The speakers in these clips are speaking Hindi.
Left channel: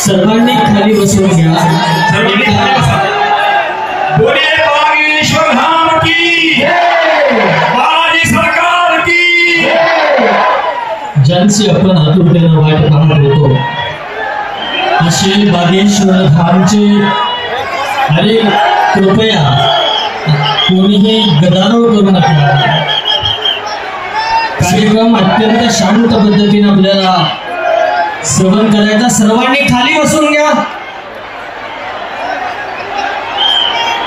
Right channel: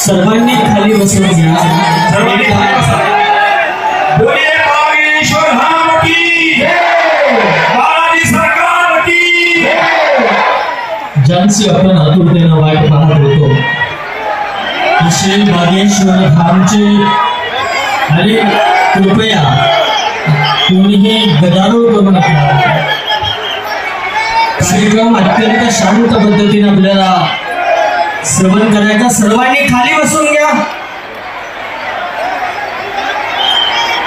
सर्वांनी खाली बसून घ्या। बोलिए बागेश्वर धाम की बालाजी सरकार की। ज्यांची आपण आतुरतेनं वाट पाहत होतो असे बागेश्वर धामचे आणि कृपया कोणीही गदारोळ करू नका। कार्यक्रम अत्यंत शांत पद्धतीने आपल्याला श्रवण करायचा। सर्वांनी खाली बसून घ्या।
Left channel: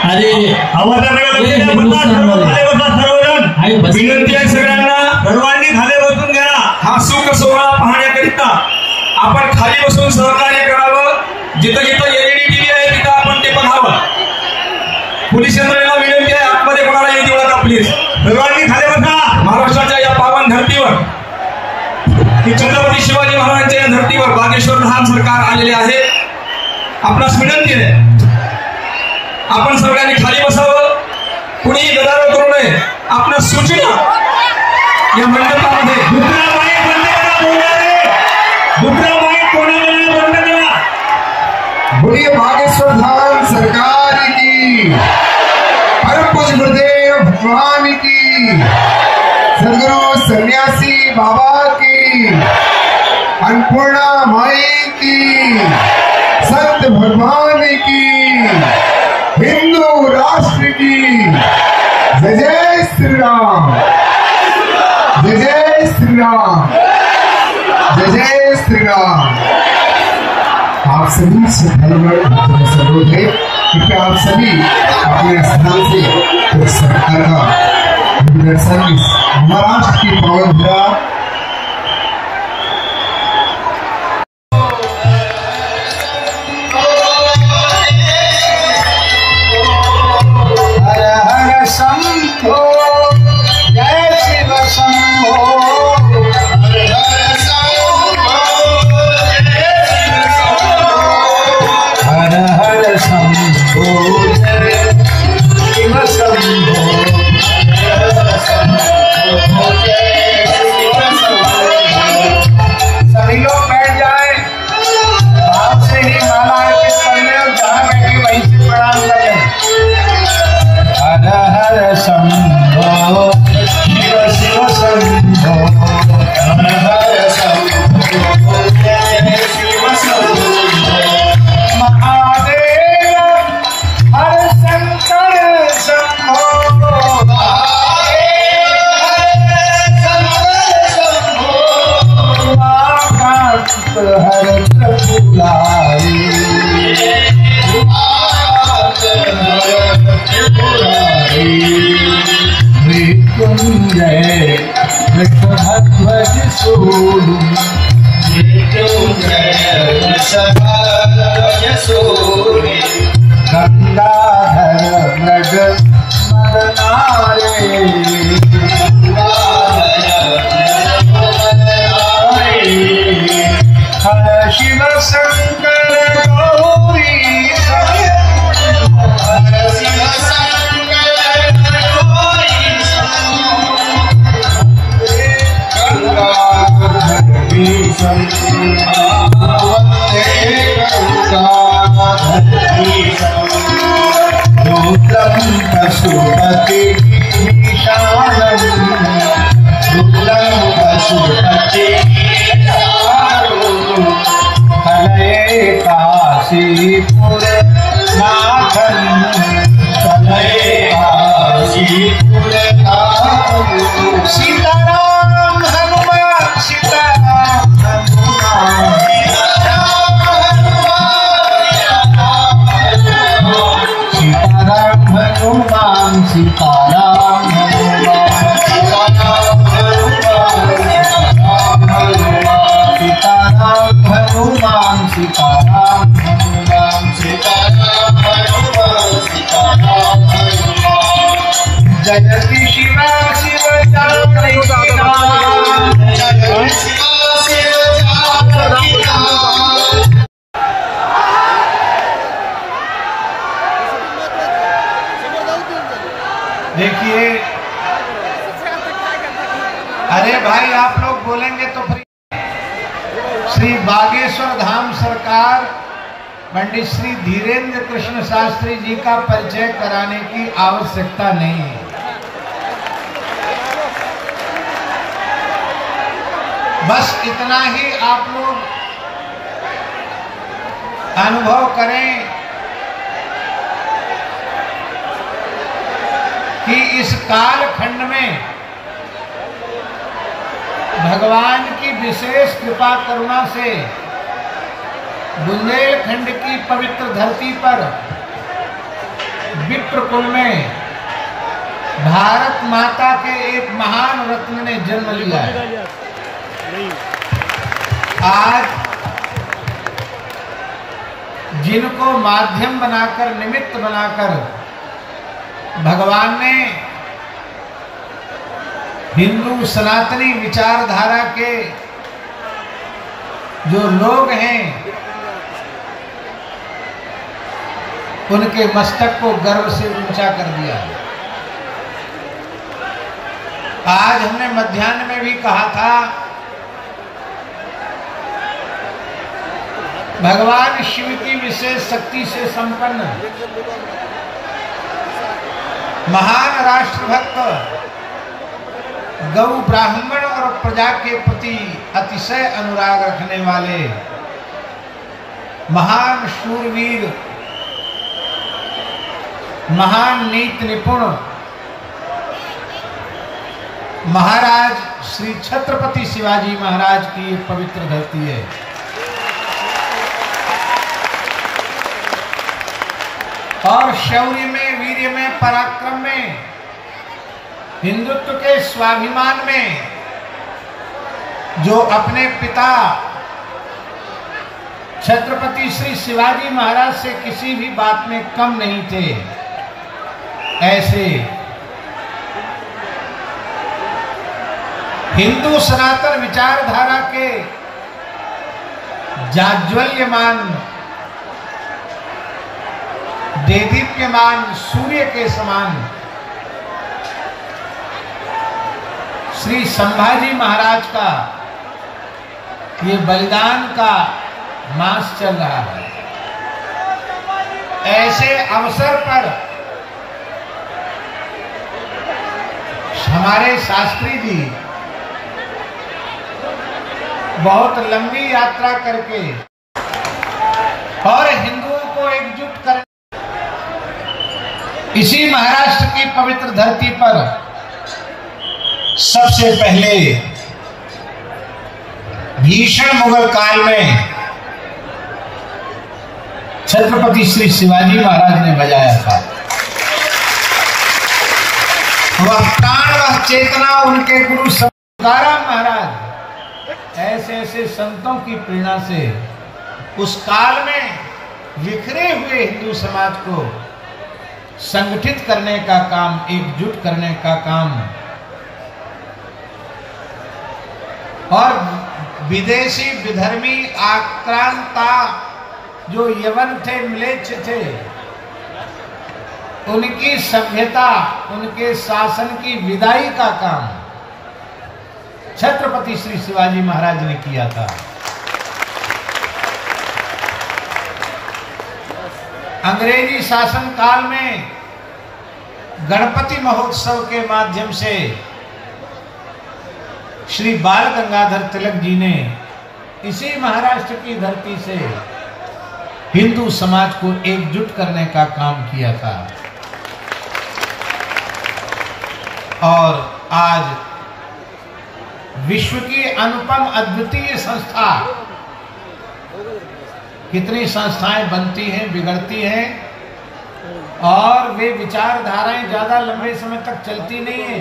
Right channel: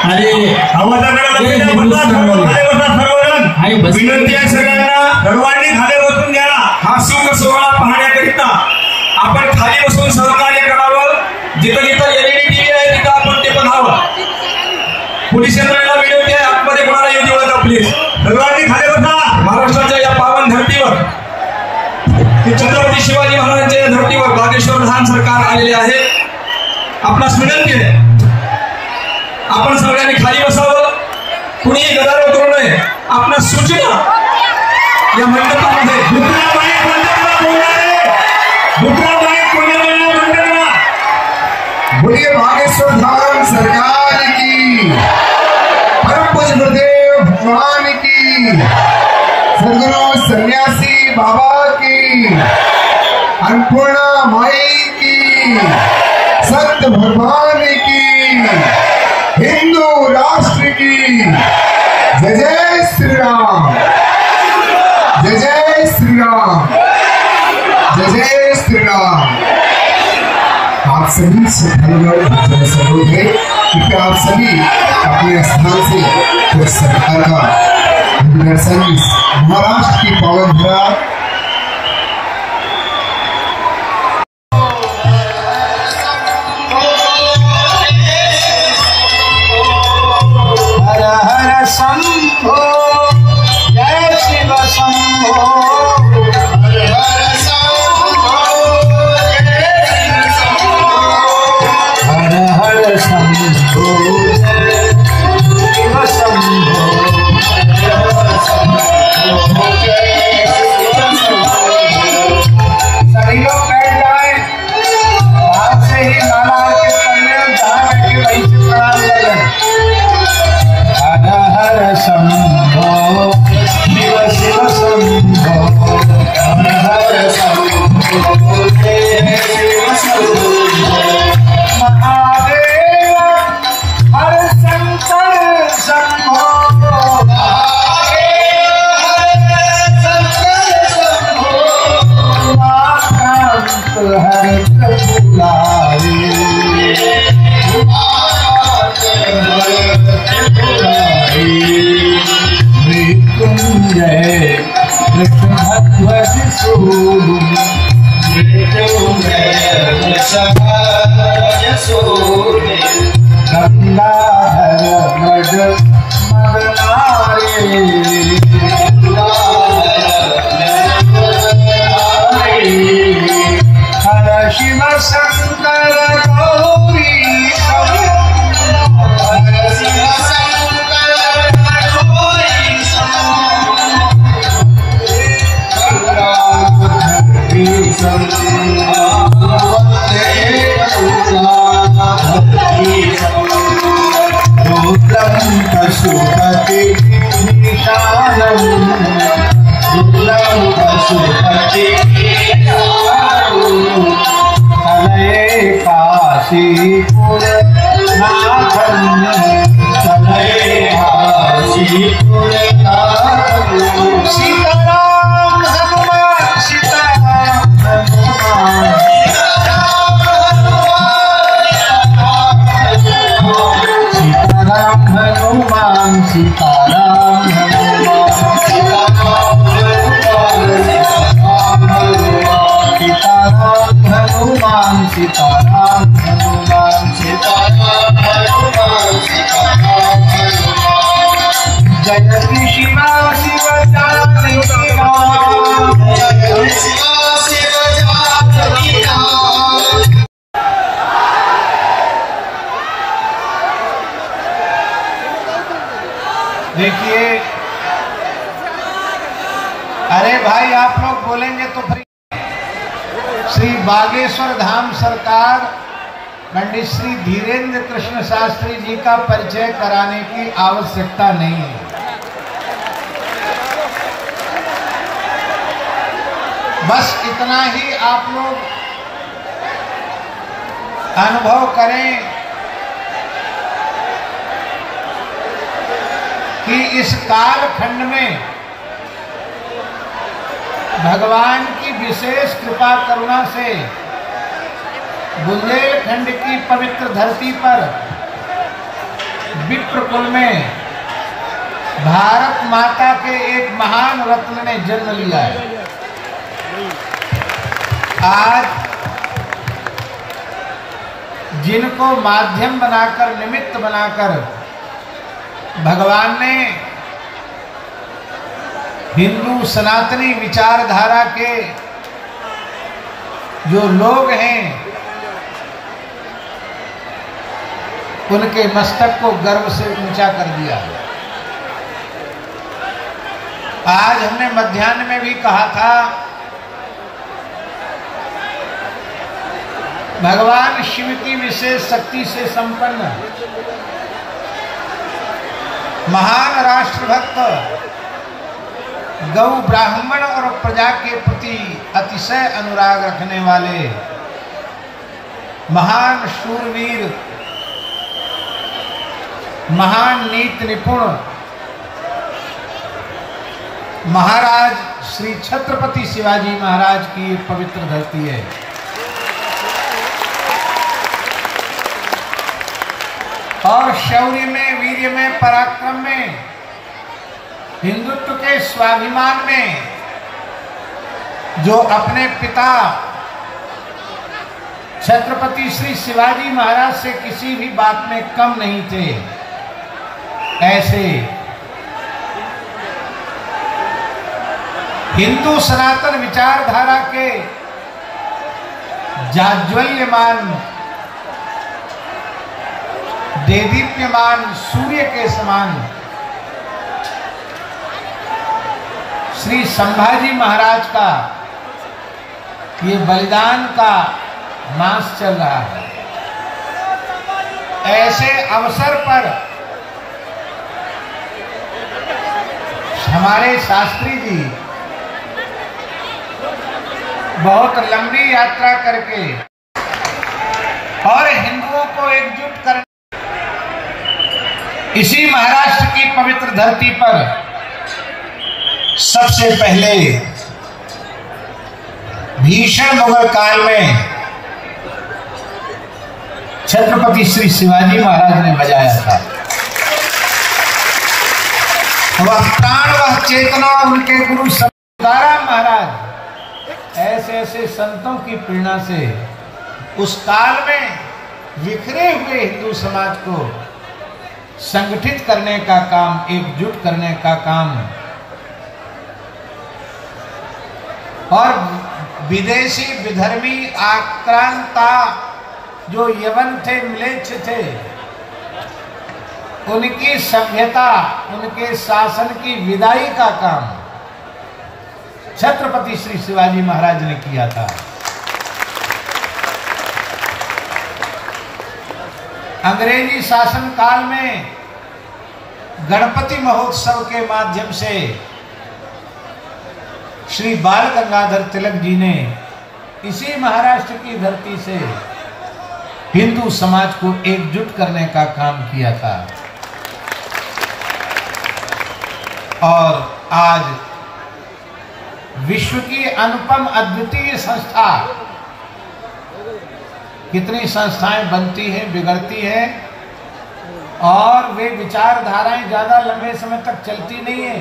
अरे विनंती आहे सगळ्यांना, सर्वांनी खाली बसून घ्या। हा सुख सोहळा पाहण्याकरिता आपण खाली बसून सहकार्य करावं। जिथं जिथं LED टीव्ही आहे तिथं आपण ते बघावं। पोलीस यंत्रणेला विनंती आहे, आतमध्ये कोणाला येऊ देऊ नका प्लीज। सर्वांनी खाली बसा। महाराष्ट्राच्या या पावन धर्तीवर, छत्रपती शिवाजी महाराजांच्या या धर्तीवर बागेश्वर धाम सरकार आलेले आहे। आपणास विनंती आहे, आपण सगळ्यांनी खाली बसावं, कुणीही गदारोळ करू नये। आपणास सूचना या मंडपामध्ये दुसरा माईक बंद करा। बोलिए बागेश्वर धाम सरकार की, परम पूज्य गुरुदेव भगवान की, सदगुरु सन्यासी बाबा की, अन्नपूर्णा माई की, सत्य भगवान की, हिंदू राष्ट्र की। जय जय श्री राम, जय जय श्री राम, जय जय श्री राम। आप सभी श्रद्धालुगण से अनुरोध है कि आप सभी अपने स्थान से सरकार का दर्शन महाराष्ट्र की पावन धरा हर हर शंभो जय शिव शंभो, हर हर शंभो जय शिव शंभो, हर हर शंभो शिव शंभो, सभी लोग बैठ जाए। भाव से ही माला अर्पित करने और जहाँ बैठे वहीं से प्रणाम कर लें। हर हर शंभो शिव शिव शंभो, हर हर शंभो शिव शंभो, महादेव हर शंकर शंभो, हर त्रिपुरारी, मृत्युंजय वृषभध्वज सूनु, मृत्युंजय वृषभध्वज सूनु, गंगाधर मृग मदनारे, हर शिव शंकर गौरी, हर शिव शंकर गौरी, गंगाधर भीषण रुद्रम पशुपति ईशानम, रुद्रम पशुपति तलये काशीपुर नाथन, तलये काशीपुर सीताराम हनुमान सीताराम हनुमान सीताराम हनुमान सीताराम हनुमान सीताराम हनुमान जयति शिवा शिव जानकी नाम जयति शिवा शिव जानकी नाम। देखिए, अरे भाई आप लोग बोलेंगे तो फिर श्री बागेश्वर धाम सरकार पंडित श्री धीरेन्द्र कृष्ण शास्त्री जी का परिचय कराने की आवश्यकता नहीं है। बस इतना ही आप लोग अनुभव करें कि इस कालखंड में भगवान की विशेष कृपा करुणा से बुंदेलखंड की पवित्र धरती पर विप्रकुल में भारत माता के एक महान रत्न ने जन्म लिया है। आज जिनको माध्यम बनाकर, निमित्त बनाकर भगवान ने हिंदू सनातनी विचारधारा के जो लोग हैं उनके मस्तक को गर्व से ऊंचा कर दिया है। आज हमने मध्याह्न में भी कहा था, भगवान शिव की विशेष शक्ति से संपन्न महान राष्ट्रभक्त, गौ ब्राह्मण और प्रजा के प्रति अतिशय अनुराग रखने वाले महान शूरवीर, महान नीति निपुण महाराज श्री छत्रपति शिवाजी महाराज की एक पवित्र धरती है। और शौर्य में, वीर्य में, पराक्रम में, हिंदुत्व के स्वाभिमान में जो अपने पिता छत्रपति श्री शिवाजी महाराज से किसी भी बात में कम नहीं थे, ऐसे हिंदू सनातन विचारधारा के जाज्वल्यमान, देदीप्यमान सूर्य के समान श्री संभाजी महाराज का ये बलिदान का मास चल रहा है। ऐसे अवसर पर हमारे शास्त्री जी बहुत लंबी यात्रा करके और हिंदुओं को एकजुट करने इसी महाराष्ट्र की पवित्र धरती पर सबसे पहले भीषण मुगल काल में छत्रपति श्री शिवाजी महाराज ने बजाया था। वह प्राण, वह चेतना उनके गुरु तुकाराम महाराज ऐसे ऐसे संतों की प्रेरणा से उस काल में बिखरे हुए हिंदू समाज को संगठित करने का काम, एकजुट करने का काम और विदेशी विधर्मी आक्रांता जो यवन थे, म्लेच्छ थे, उनकी सभ्यता, उनके शासन की विदाई का काम छत्रपति श्री शिवाजी महाराज ने किया था। अंग्रेजी शासन काल में गणपति महोत्सव के माध्यम से श्री बाल गंगाधर तिलक जी ने इसी महाराष्ट्र की धरती से हिंदू समाज को एकजुट करने का काम किया था। और आज विश्व की अनुपम अद्वितीय संस्था, कितनी संस्थाएं बनती हैं, बिगड़ती हैं, और वे विचारधाराएं ज्यादा लंबे समय तक चलती नहीं है,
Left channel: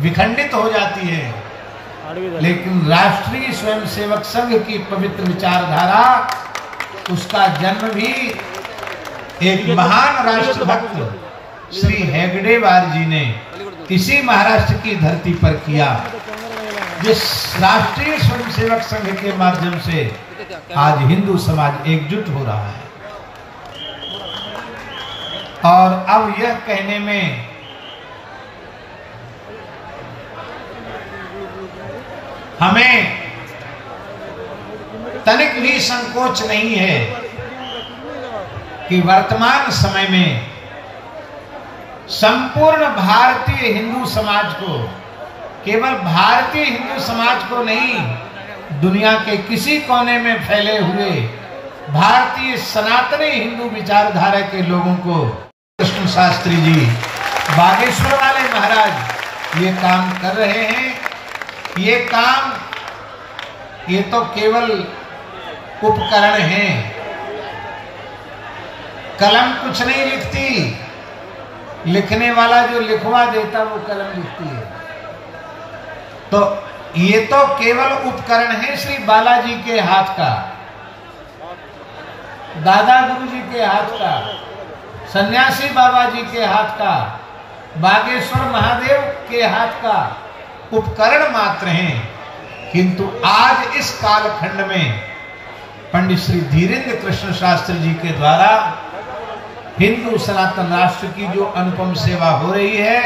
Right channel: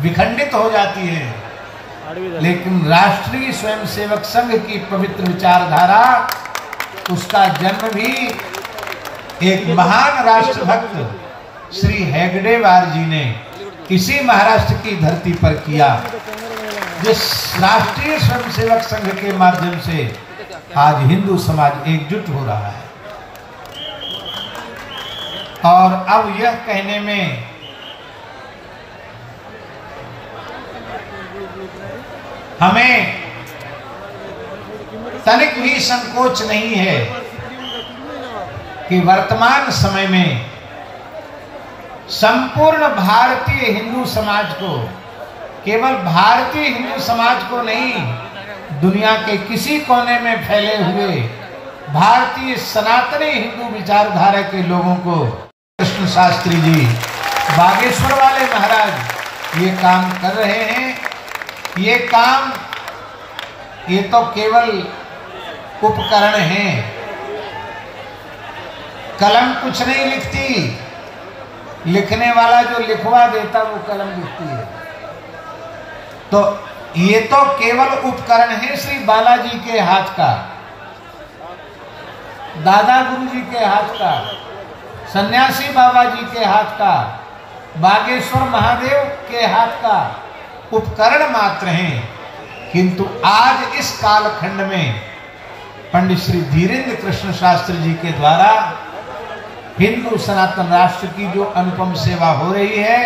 विखंडित हो जाती है। लेकिन राष्ट्रीय स्वयंसेवक संघ की पवित्र विचारधारा, उसका जन्म भी एक महान राष्ट्रभक्त श्री हेगडेवार जी ने इसी महाराष्ट्र की धरती पर किया, जिस राष्ट्रीय स्वयंसेवक संघ के माध्यम से आज हिंदू समाज एकजुट हो रहा है। और अब यह कहने में हमें तनिक भी संकोच नहीं है कि वर्तमान समय में संपूर्ण भारतीय हिंदू समाज को, केवल भारतीय हिंदू समाज को नहीं, दुनिया के किसी कोने में फैले हुए भारतीय सनातनी हिंदू विचारधारा के लोगों को कृष्ण शास्त्री जी, बागेश्वर वाले महाराज ये काम कर रहे हैं। ये काम, ये तो केवल उपकरण हैं। कलम कुछ नहीं लिखती, लिखने वाला जो लिखवा देता वो कलम लिखती है। तो ये तो केवल उपकरण है श्री बालाजी के हाथ का, दादा गुरु जी के हाथ का, सन्यासी बाबा जी के हाथ का, बागेश्वर महादेव के हाथ का उपकरण मात्र हैं। किंतु आज इस कालखंड में पंडित श्री धीरेन्द्र कृष्ण शास्त्री जी के द्वारा हिंदू सनातन राष्ट्र की जो अनुपम सेवा हो रही है,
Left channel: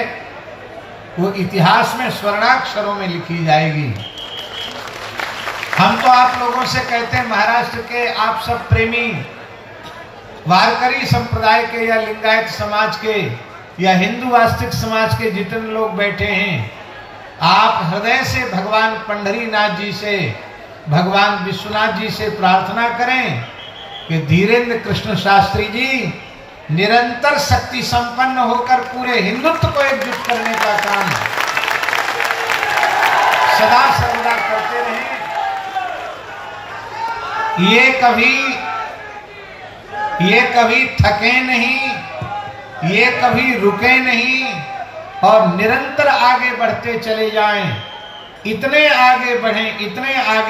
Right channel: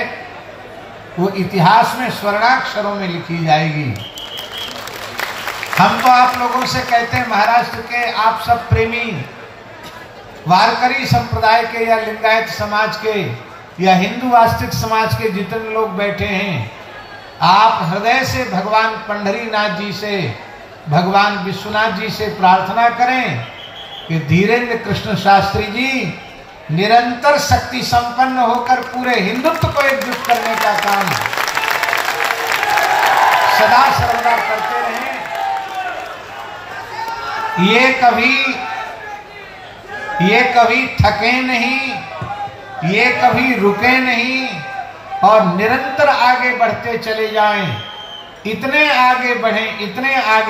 वो इतिहास में स्वर्णाक्षरों में लिखी जाएगी। हम तो आप लोगों से कहते हैं, महाराष्ट्र के आप सब प्रेमी वारकरी संप्रदाय के या लिंगायत समाज के या हिंदू आस्तिक समाज के जितने लोग बैठे हैं, आप हृदय से भगवान पंढरीनाथ जी से, भगवान विश्वनाथ जी से प्रार्थना करें कि धीरेन्द्र कृष्ण शास्त्री जी निरंतर शक्ति संपन्न होकर पूरे हिंदुत्व को एकजुट करने का काम सदा सर्वदा करते रहें। ये कभी थके नहीं, ये कभी रुके नहीं और निरंतर आगे बढ़ते चले जाएं। इतने आगे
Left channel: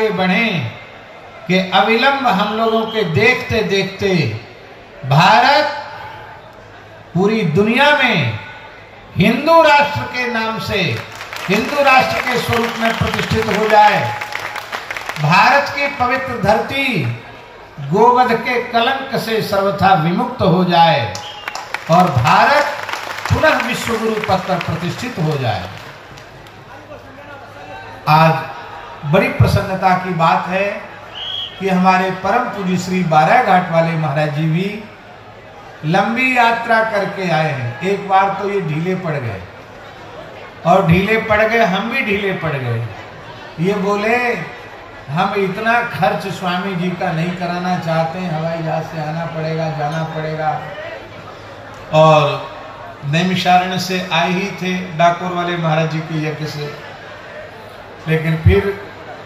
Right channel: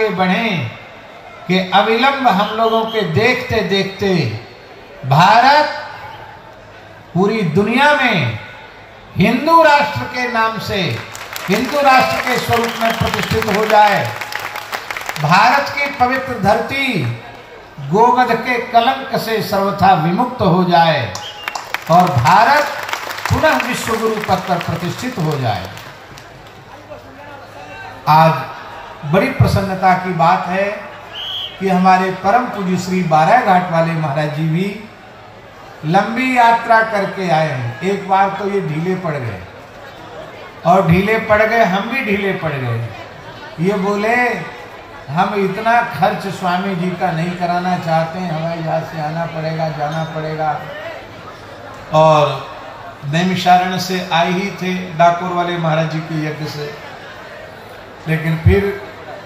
बढ़ें कि अविलंब हम लोगों के देखते देखते भारत पूरी दुनिया में हिंदू राष्ट्र के नाम से, हिंदू राष्ट्र के स्वरूप में प्रतिष्ठित हो जाए। भारत की पवित्र धरती गोवध के कलंक से सर्वथा विमुक्त हो जाए और भारत पुनः विश्व गुरु पद पर प्रतिष्ठित हो जाए। आज बड़ी प्रसन्नता की बात है कि हमारे परम पूज्य श्री बारह घाट वाले महाराज जी भी लंबी यात्रा करके आए हैं। एक बार तो ये ढीले पड़ गए और ढीले पड़ गए, हम भी ढीले पड़ गए। ये बोले हम इतना खर्च स्वामी जी का नहीं कराना चाहते हैं, हवाई जहाज से आना पड़ेगा, जाना पड़ेगा। और नैमिषारण्य से आए ही थे डाकोर वाले महाराज जी के यज्ञ से, लेकिन फिर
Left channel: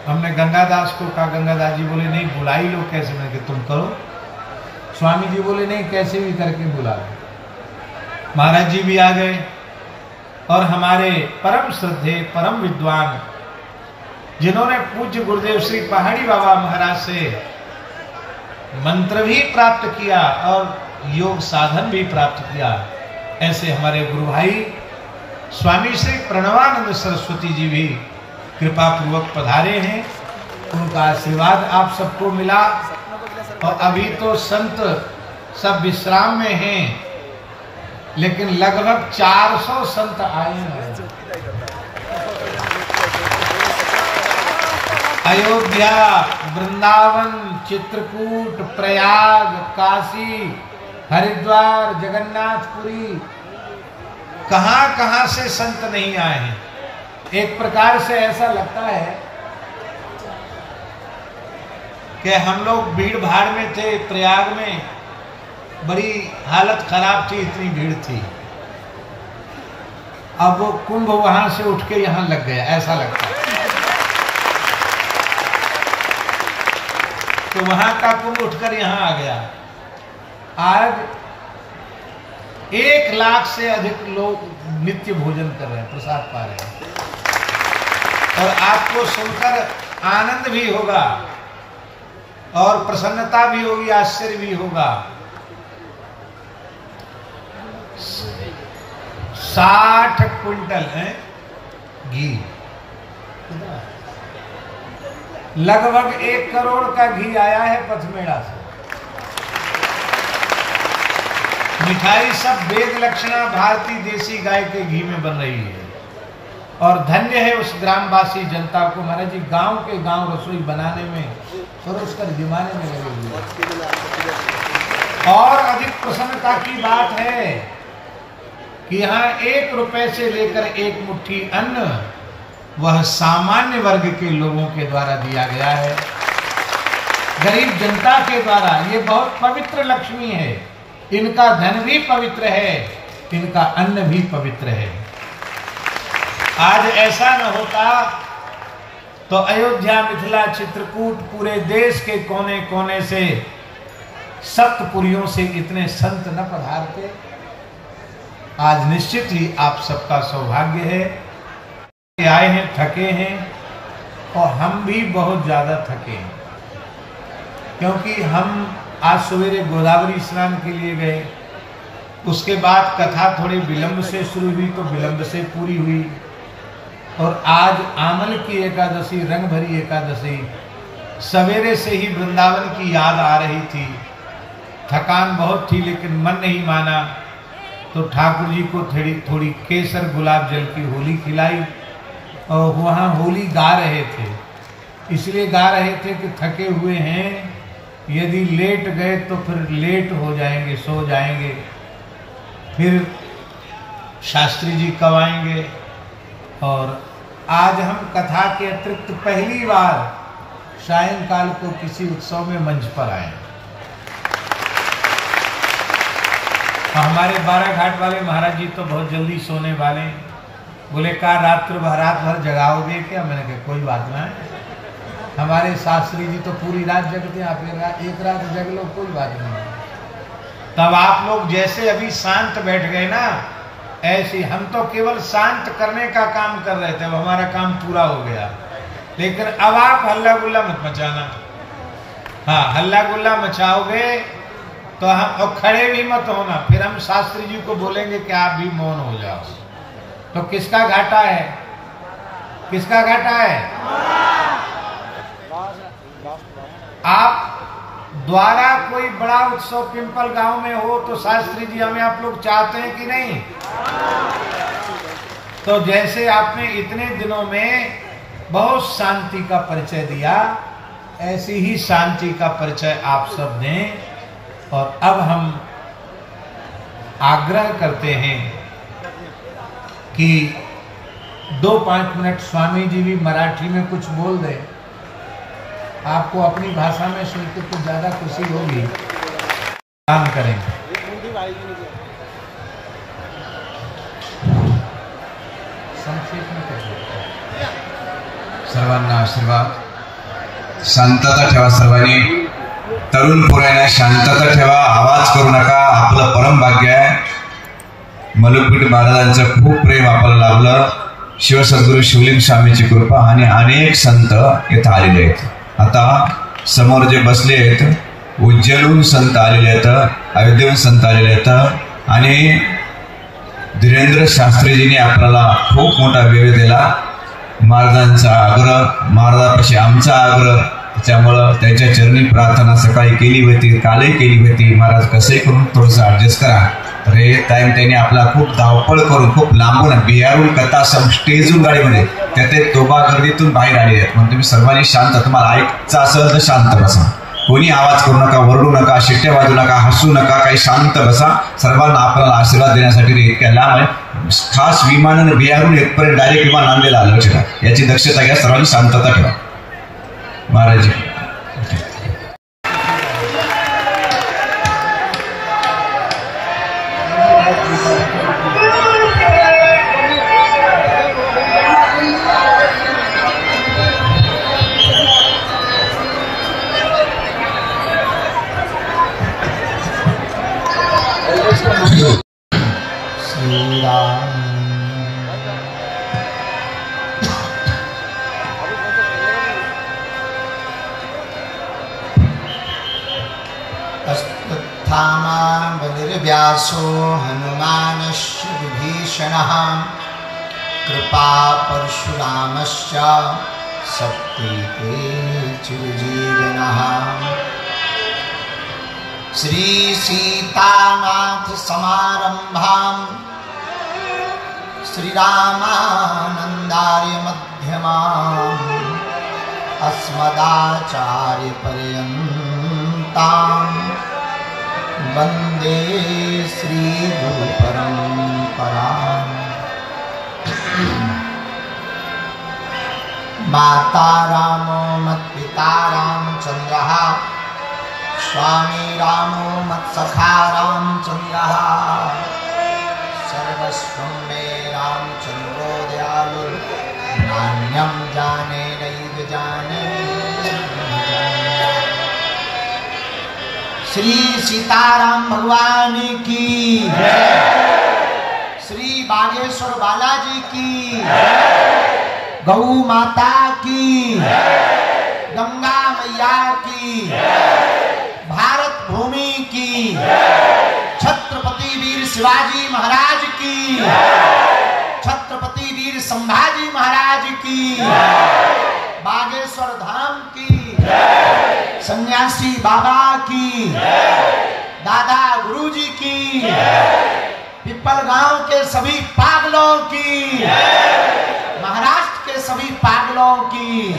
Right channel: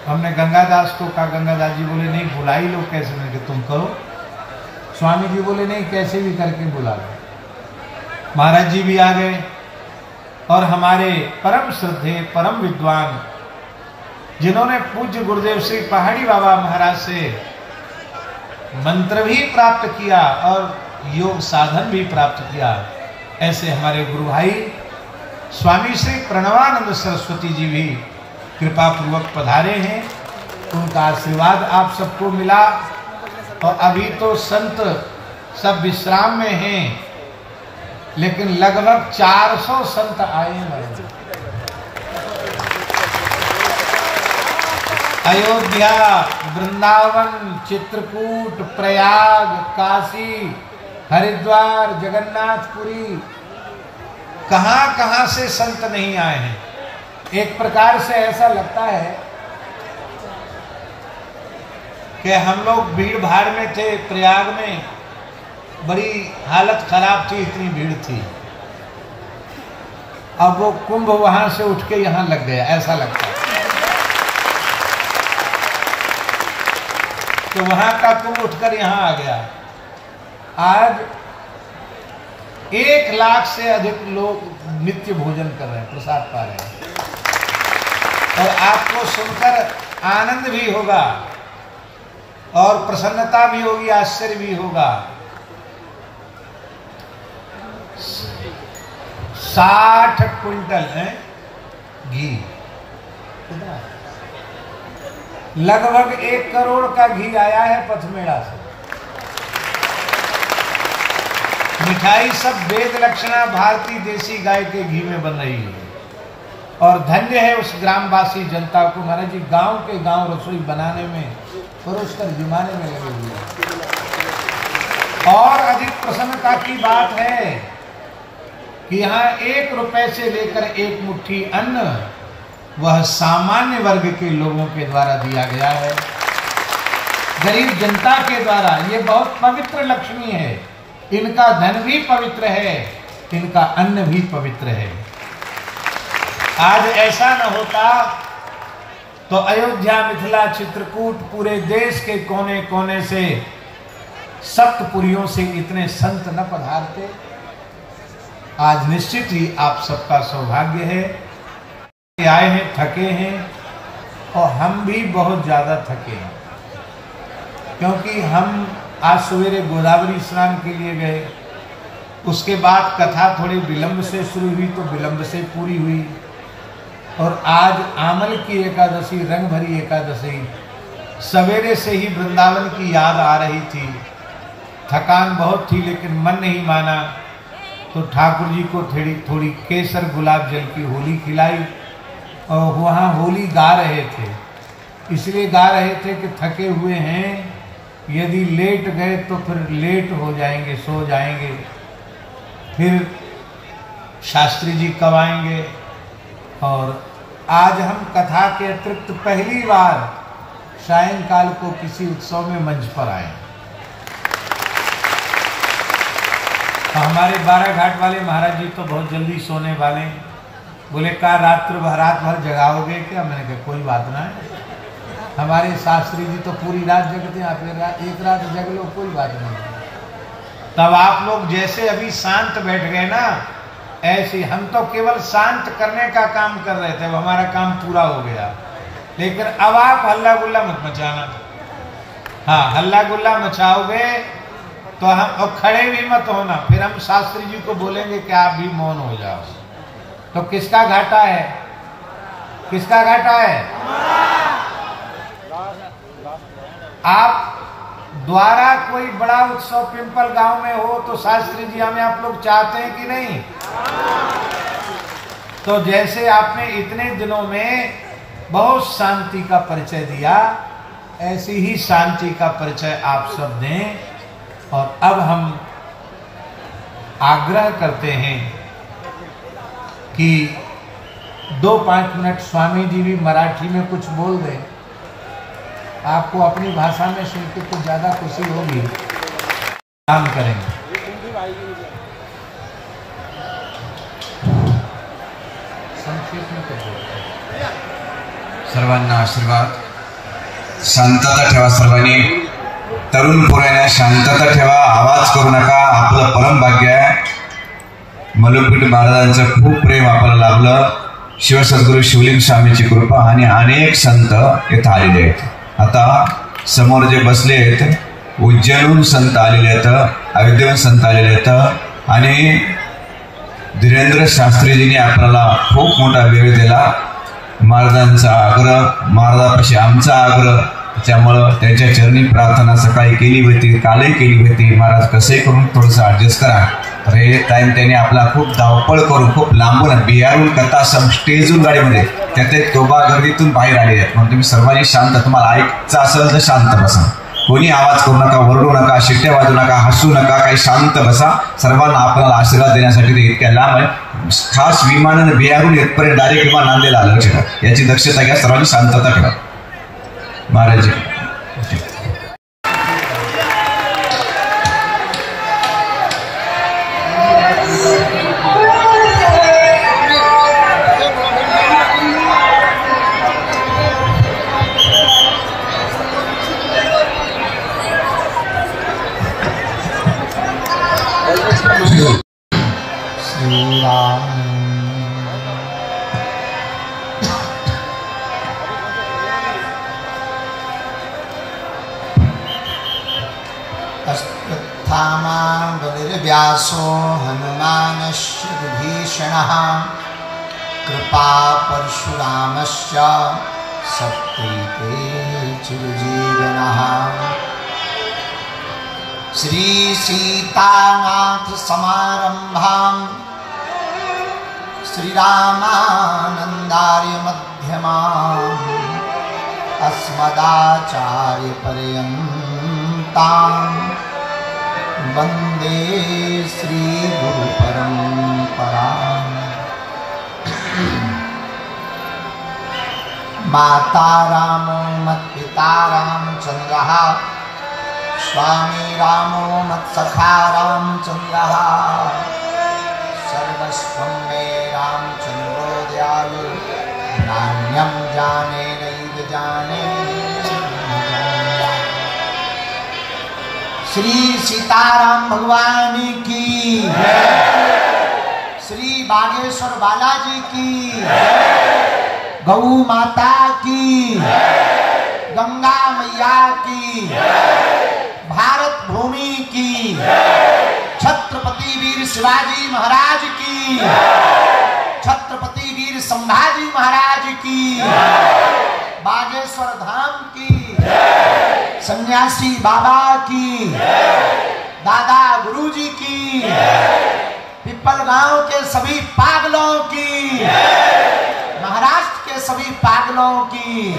हमने गंगादास को कहा, गंगादास जी बोले नहीं बुलाई लो, कैसे में कि तुम करो। स्वामी जी बोले नहीं कैसे भी करके बुला लो। महाराज जी भी आ गए और हमारे परम श्रद्धे परम विद्वान जिन्होंने पूज्य गुरुदेव श्री पहाड़ी बाबा महाराज से मंत्र भी प्राप्त किया और योग साधन भी प्राप्त किया, ऐसे हमारे गुरु भाई स्वामी श्री प्रणवानंद सरस्वती जी भी कृपा पूर्वक पधारे हैं। उनका आशीर्वाद आप सबको मिला और अभी तो संत सब विश्राम में हैं, लेकिन लगभग 400 संत आए हैं। अयोध्या, वृंदावन, चित्रकूट, प्रयाग, काशी, हरिद्वार, जगन्नाथपुरी, कहां से संत नहीं आए हैं। एक प्रकार से ऐसा लगता है कि हम लोग भीड़ भाड़ में थे, प्रयाग में बड़ी हालत खराब थी, इतनी भीड़ थी। अब वो कुंभ वहां से उठ के यहां लग गया, ऐसा लगता है कि वहां का कुंभ उठकर यहां आ गया। आज 1 लाख से अधिक लोग नित्य भोजन कर रहे हैं, प्रसाद पा रहे हैं। और आपको सुनकर आनंद भी होगा और प्रसन्नता भी होगी, आश्चर्य भी होगा। 60 क्विंटल है घी, लगभग 1 करोड़ का घी आया है पथमेड़ा से। मिठाई सब वेद लक्षणा भारतीय देसी गाय के घी में बन रही है। और धन्य है उस ग्रामवासी जनता को, महाराज जी गांव के गांव रसोई बनाने में, परोसकर जुमाने में लगे हुए। और अधिक प्रसन्नता की बात है कि यहाँ 1 रुपए से लेकर 1 मुट्ठी अन्न वह सामान्य वर्ग के लोगों के द्वारा दिया गया है, गरीब जनता के द्वारा। ये बहुत पवित्र लक्ष्मी है, इनका धन भी पवित्र है, इनका अन्न भी पवित्र है। आज ऐसा न होता तो अयोध्या, मिथिला, चित्रकूट, पूरे देश के कोने कोने से, सप्तपुरियों से इतने संत न पधारते। आज निश्चित ही आप सबका सौभाग्य है कि आए हैं, थके हैं, और हम भी बहुत ज्यादा थके हैं, क्योंकि हम आज सवेरे गोदावरी स्नान के लिए गए। उसके बाद कथा थोड़ी विलंब से शुरू हुई तो विलंब से पूरी हुई। और आज आमल की एकादशी, रंग भरी एकादशी, सवेरे से ही वृंदावन की याद आ रही थी। थकान बहुत थी लेकिन मन नहीं माना, तो ठाकुर जी को थोड़ी केसर गुलाब जल की होली खिलाई। और वहाँ होली गा रहे थे, इसलिए गा रहे थे कि थके हुए हैं, यदि लेट गए तो फिर लेट हो जाएंगे, सो जाएंगे, फिर शास्त्री जी कब आएंगे। और आज हम कथा के अतिरिक्त पहली बार सायंकाल को किसी उत्सव में मंच पर आए। हमारे 12 घाट वाले महाराज जी तो बहुत जल्दी सोने वाले हैं। बोले कहा रात भर जगाओगे क्या? मैंने कहा कोई बात ना है, हमारे शास्त्री जी तो पूरी रात जगते हैं, आप एक रात जग लो, कोई बात नहीं। तब आप लोग जैसे अभी शांत बैठ गए ना, ऐसे हम तो केवल शांत करने का काम कर रहे थे, अब हमारा काम पूरा हो गया। लेकिन अब आप हल्ला गुल्ला मत मचाना। हाँ, हल्ला गुल्ला मचाओगे तो हम, और खड़े भी मत होना, फिर हम शास्त्री जी को बोलेंगे कि आप भी मौन हो जाओ। तो किसका घाटा है? किसका घाटा है? आप द्वारा कोई बड़ा उत्सव पिंपल गांव में हो तो शास्त्री जी हमें आप लोग चाहते हैं कि नहीं? तो जैसे आपने इतने दिनों में बहुत शांति का परिचय दिया, ऐसी ही शांति का परिचय आप सब दें। और अब हम आग्रह करते हैं कि 2-5 मिनट स्वामी जी भी मराठी में कुछ बोल दें। आपको अपनी भाषा में सुनकर कुछ ज्यादा खुशी होगी। काम करेंगे। संक्षेप में कुछ सर्वांना आशीर्वाद। शांतता ठेवा सर्वांनी, तरुण पोरांनो शांतता ठेवा, आवाज करू नका, आपलं परम भाग्य आहे। मलुपीठ महाराजांचं खूप प्रेम आपल्याला लाभलं, शिवसद्गुरू शिवलिंग स्वामीची कृपा, आणि अनेक संत इथं आलेले आहेत। आता समोर जे बसले आहेत, उज्जैनहून संत आलेले आहेत, अयोध्येहून संत आलेले आहेत, आणि धीरेंद्र शास्त्रीजींनी आपल्याला खूप मोठा वेळ दिला। महाराजांचा आग्रह, महाराजांपाशी आमचा आग्रह, त्यामुळं त्यांच्या चरणी प्रार्थना सकाळी केली होती, कालही केली होती, महाराज कसे करून थोडंसं ऍडजस्ट करा। तर हे टाइम त्यांनी आपला खूप धावपळ करून, खूप लांबून, बिहारून कथा स्टेजून गाडीमध्ये, त्यात तोबा गर्दीतून बाहेर आले आहेत। म्हणून तुम्ही सर्वांनी शांत, तुम्हाला ऐकायचं असेल तर शांत बसा, कोणी आवाज करू नका, वरडू नका, शिट्ट्या वाजू नका, हसू नका, काही शांत बसा। सर्वांना आपल्याला आशीर्वाद देण्यासाठी इतक्या लांब आहे, खास विमानाने बिहारून इथपर्यंत डायरेक्ट विमान नांदेला आलं होतं, याची दक्षता घ्या, सर्वांनी शांतता ठेवा। महाराज राम। बलिर्व्यासो हनुमानस्य विभीषणः कृपा परशुरामश्च सत्कृते चिरजीवनः। श्री सीतानाथ समारंभां श्रीरामानंदार्य मध्यमाम् अस्मदाचार्य पर्यन्तां वंदे श्री गुरु परंपरा। माता रामो मत्पिता रामचंद्रः स्वामी रामो मत्सखा रामचंद्रः सर्वस्वं मे रामचंद्रो दयालु नान्यं जाने नैव जाने। श्री सीताराम भगवान की, श्री बागेश्वर बालाजी की, गौ माता की, गंगा मैया की, भारत भूमि की, छत्रपति वीर शिवाजी महाराज की, छत्रपति वीर संभाजी महाराज की, बागेश्वर धाम की, सन्यासी बाबा की, दादा गुरुजी की, पिपल गांव के सभी पागलों की, महाराष्ट्र के सभी पागलों की,